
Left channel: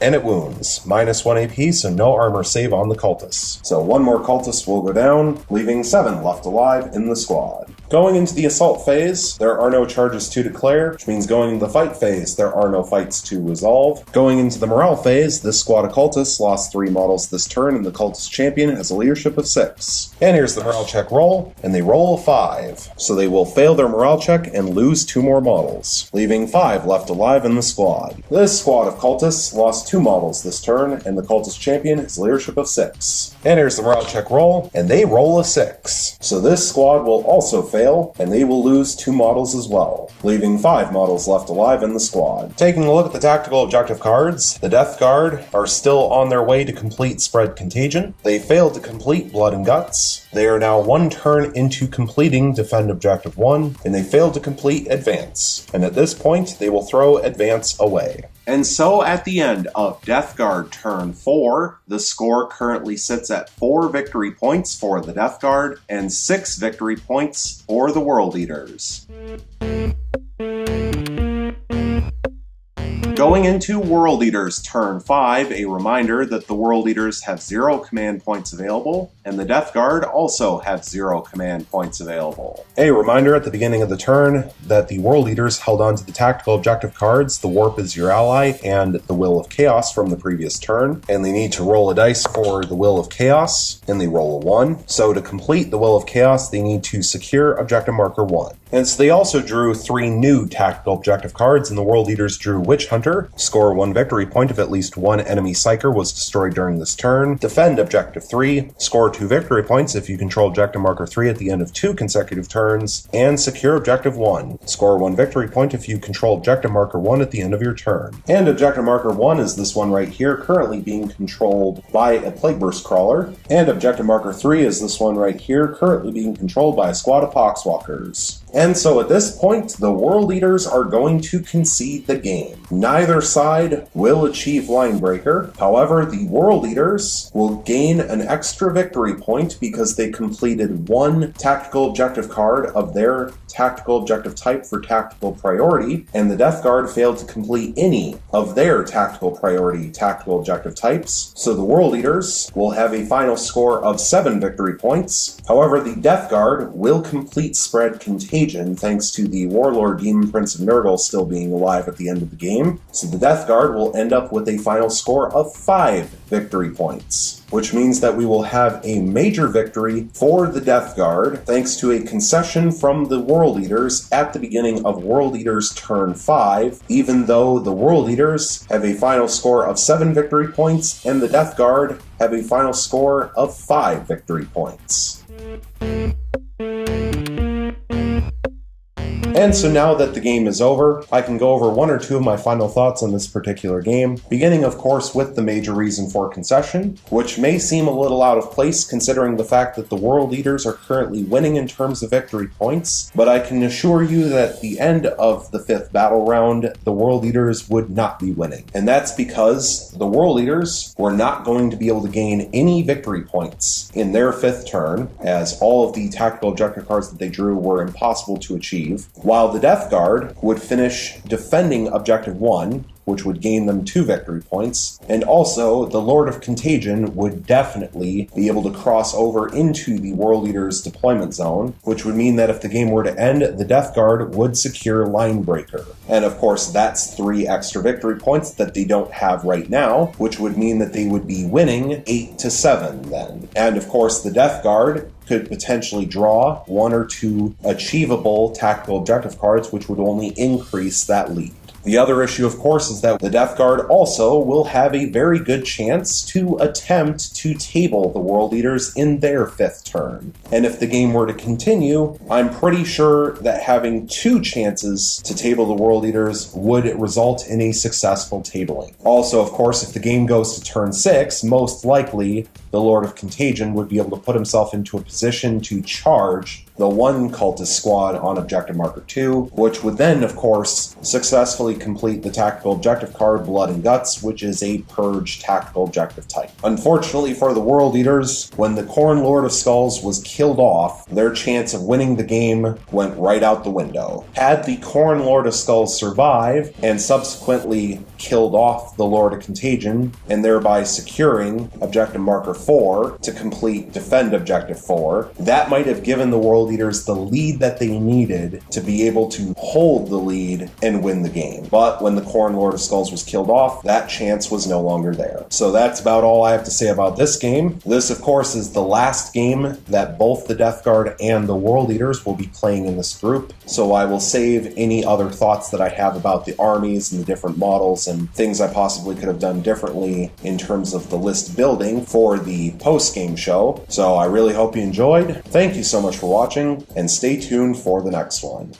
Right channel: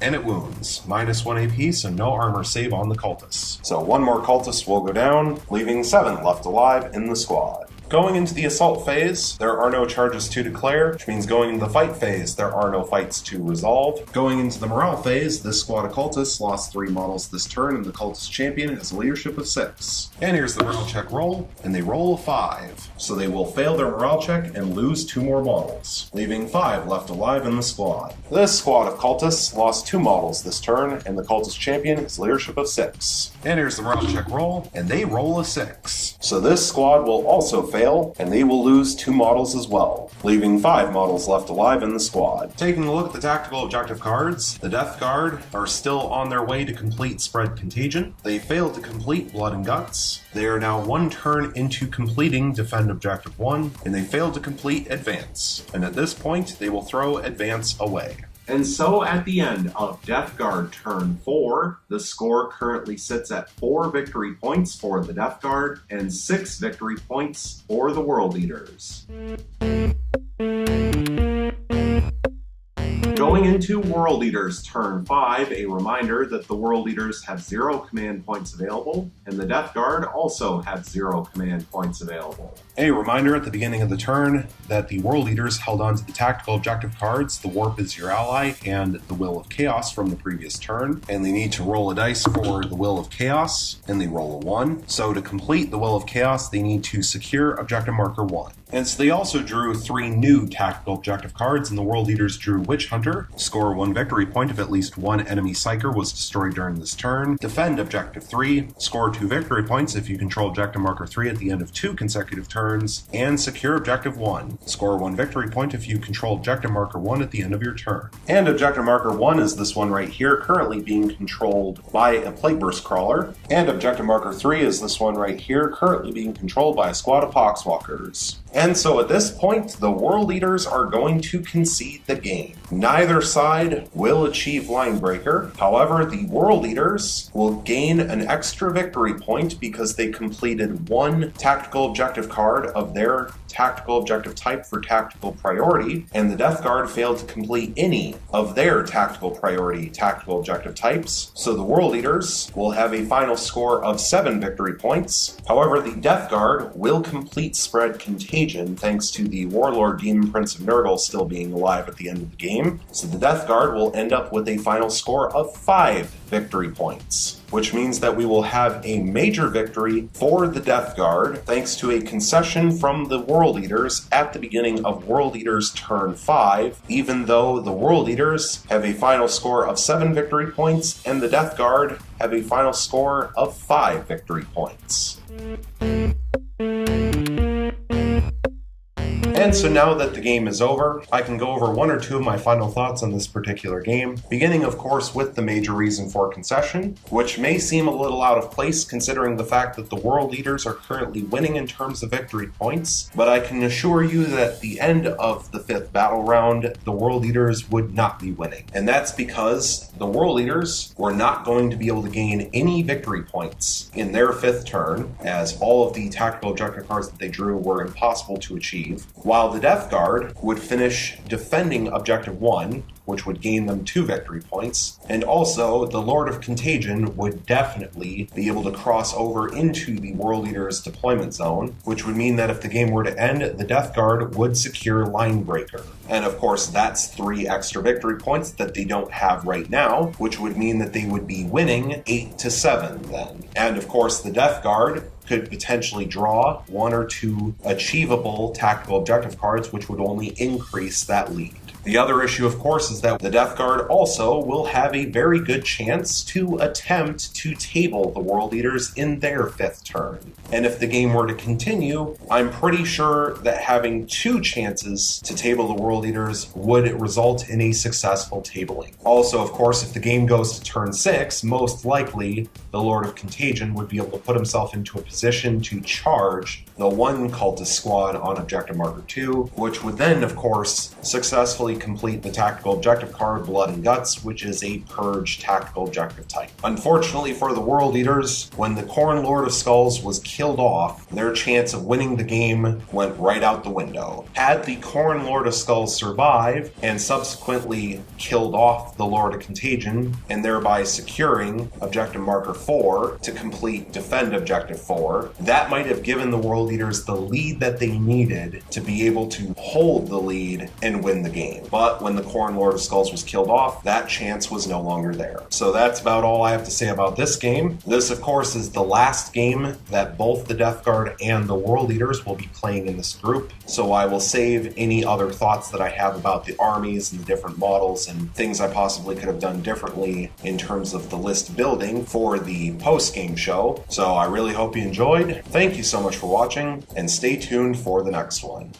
And it wounds. Minus 1 AP, so no armor save on the cultists. So 1 more cultist will go down, leaving 7 left alive in the squad. Going into the assault phase, there are no charges to declare, which means going into the fight phase, there are no fights to resolve. Going into the morale phase, this squad of cultists lost 3 models this turn, and the cultist champion has a leadership of 6. And here's the morale check roll, and they roll a 5. So they will fail their morale check and lose 2 more models, leaving 5 left alive in the squad. This squad of cultists lost 2 models this turn, and the cultist champion has a leadership of 6. And here's the morale check roll, and they roll a 6. So this squad will also fail, and they will lose 2 models as well, leaving 5 models left alive in the squad. Taking a look at the tactical objective cards, the Death Guard are still on their way to complete Spread Contagion. They failed to complete Blood and Guts. They are now 1 turn into completing Defend Objective 1, and they failed to complete Advance. And at this point, they will throw Advance away. And so at the end of Death Guard turn 4, the score currently sits at 4 victory points for the Death Guard and 6 victory points for the World Eaters. Going into World Eaters turn 5, a reminder that the World Eaters have 0 command points available, and the Death Guard also have 0 command points available. A reminder at the beginning of the turn that the World Eaters held on to the tactical objective cards, the Warp is your ally, and the Will of Chaos from the previous turn, and they need to roll a dice for the Will of Chaos, and they roll a 1. So to complete the Will of Chaos, they need to secure objective marker 1. And so they also drew 3 new tactical objective cards, and the World Eaters drew Witch Hunter, score 1 victory point if at least 1 enemy Psyker was destroyed during this turn, defend Objective 3, score 2 victory points if you control Objective Marker 3 at the end of 2 consecutive turns, and secure Objective 1, score 1 victory point if you control Objective Marker 1 at the end of your turn. And Objective Marker 1 is this one right here, currently being controlled by a Plague Burst Crawler, and Objective Marker 3 is this one right here, currently being controlled by a squad of Poxwalkers. And so at this point, the World Eaters are going to concede the game. Neither side will achieve Line Breaker. However, the World Eaters will gain an extra victory point because they completed 1 tactical objective card of their tactical objective type for tactical priority, and the Death Guard failed to complete any of their tactical priority tactical objective types. So the World Eaters will have a final score of 7 victory points. However, the Death Guard will complete Spread Contagion thanks to the Warlord Demon Prince of Nurgle still being alive at the end of the game. So the Death Guard will end up with a final score of 5 victory points, which means that we will have a major victory for the Death Guard thanks to a concession from the World Eaters at the beginning of World Eaters turn 5, even though the World Eaters have a final score of 7 victory points and the Death Guard have a final score of 5 victory points. And so now that the game is over, I can go over 1 or 2 of my final thoughts on this particular game, beginning of course with the major reason for concession, which may seem a little out of place considering the fact that the World Eaters are currently winning in terms of victory points, but I can assure you that at the end of the 5th battle round, the World Eaters would not be winning. And that's because the World Eaters were not going to be able to gain any victory points in their 5th turn, as all of the tactical objective cards that they drew were impossible to achieve, while the Death Guard would finish defending Objective 1 which would gain them 2 victory points. And also, the Lord of Contagion would definitely be able to cross over into the World Eater's deployment zone, which would mean that if the game were to end, the Death Guard would secure Line Breaker. And of course, that's 3 extra victory points that they don't have right now, which would mean that they would be winning 8-7 then. And of course, the Death Guard could potentially draw 1 or 2 achievable tactical objective cards, which would only increase that lead. The other issue, of course, is that the Death Guard also will have a very good chance to attempt to table the World Eaters in their 5th turn. And if the game were to continue, I'm pretty sure that having 2 chances to table the World Eaters would result in a successful tabling. Also, of course, if the game goes to turn 6, most likely the Lord of Contagion would be able to put himself into a position to charge the 1 cultist squad on objective marker 2, which would then, of course, successfully complete the tactical objective card Blood and Guts, which is a purge tactical objective type. Unfortunately for the World Eaters, when the Khorne Lord of Skulls was killed off, their chance of winning the game went right out the window. Had the Khorne Lord of Skulls survived and subsequently killed off the Lord of Contagion, and thereby securing objective marker 4 to complete defend objective 4, that might have given the World Eaters the lead that they needed to be able to hold the lead and win the game. But when the Khorne Lord of Skulls was killed off, that chance was no longer there. So that's about all I have to say about this game. This, of course, is the last game that both the Death Guard and the World Eaters will be playing in this group. So I will save any other thoughts that I have about the armies and the different models and things I possibly could have done differently in terms of the list building for the post-game show. So I really hope you enjoyed. Thank you so much for watching, and stay tuned for the next one.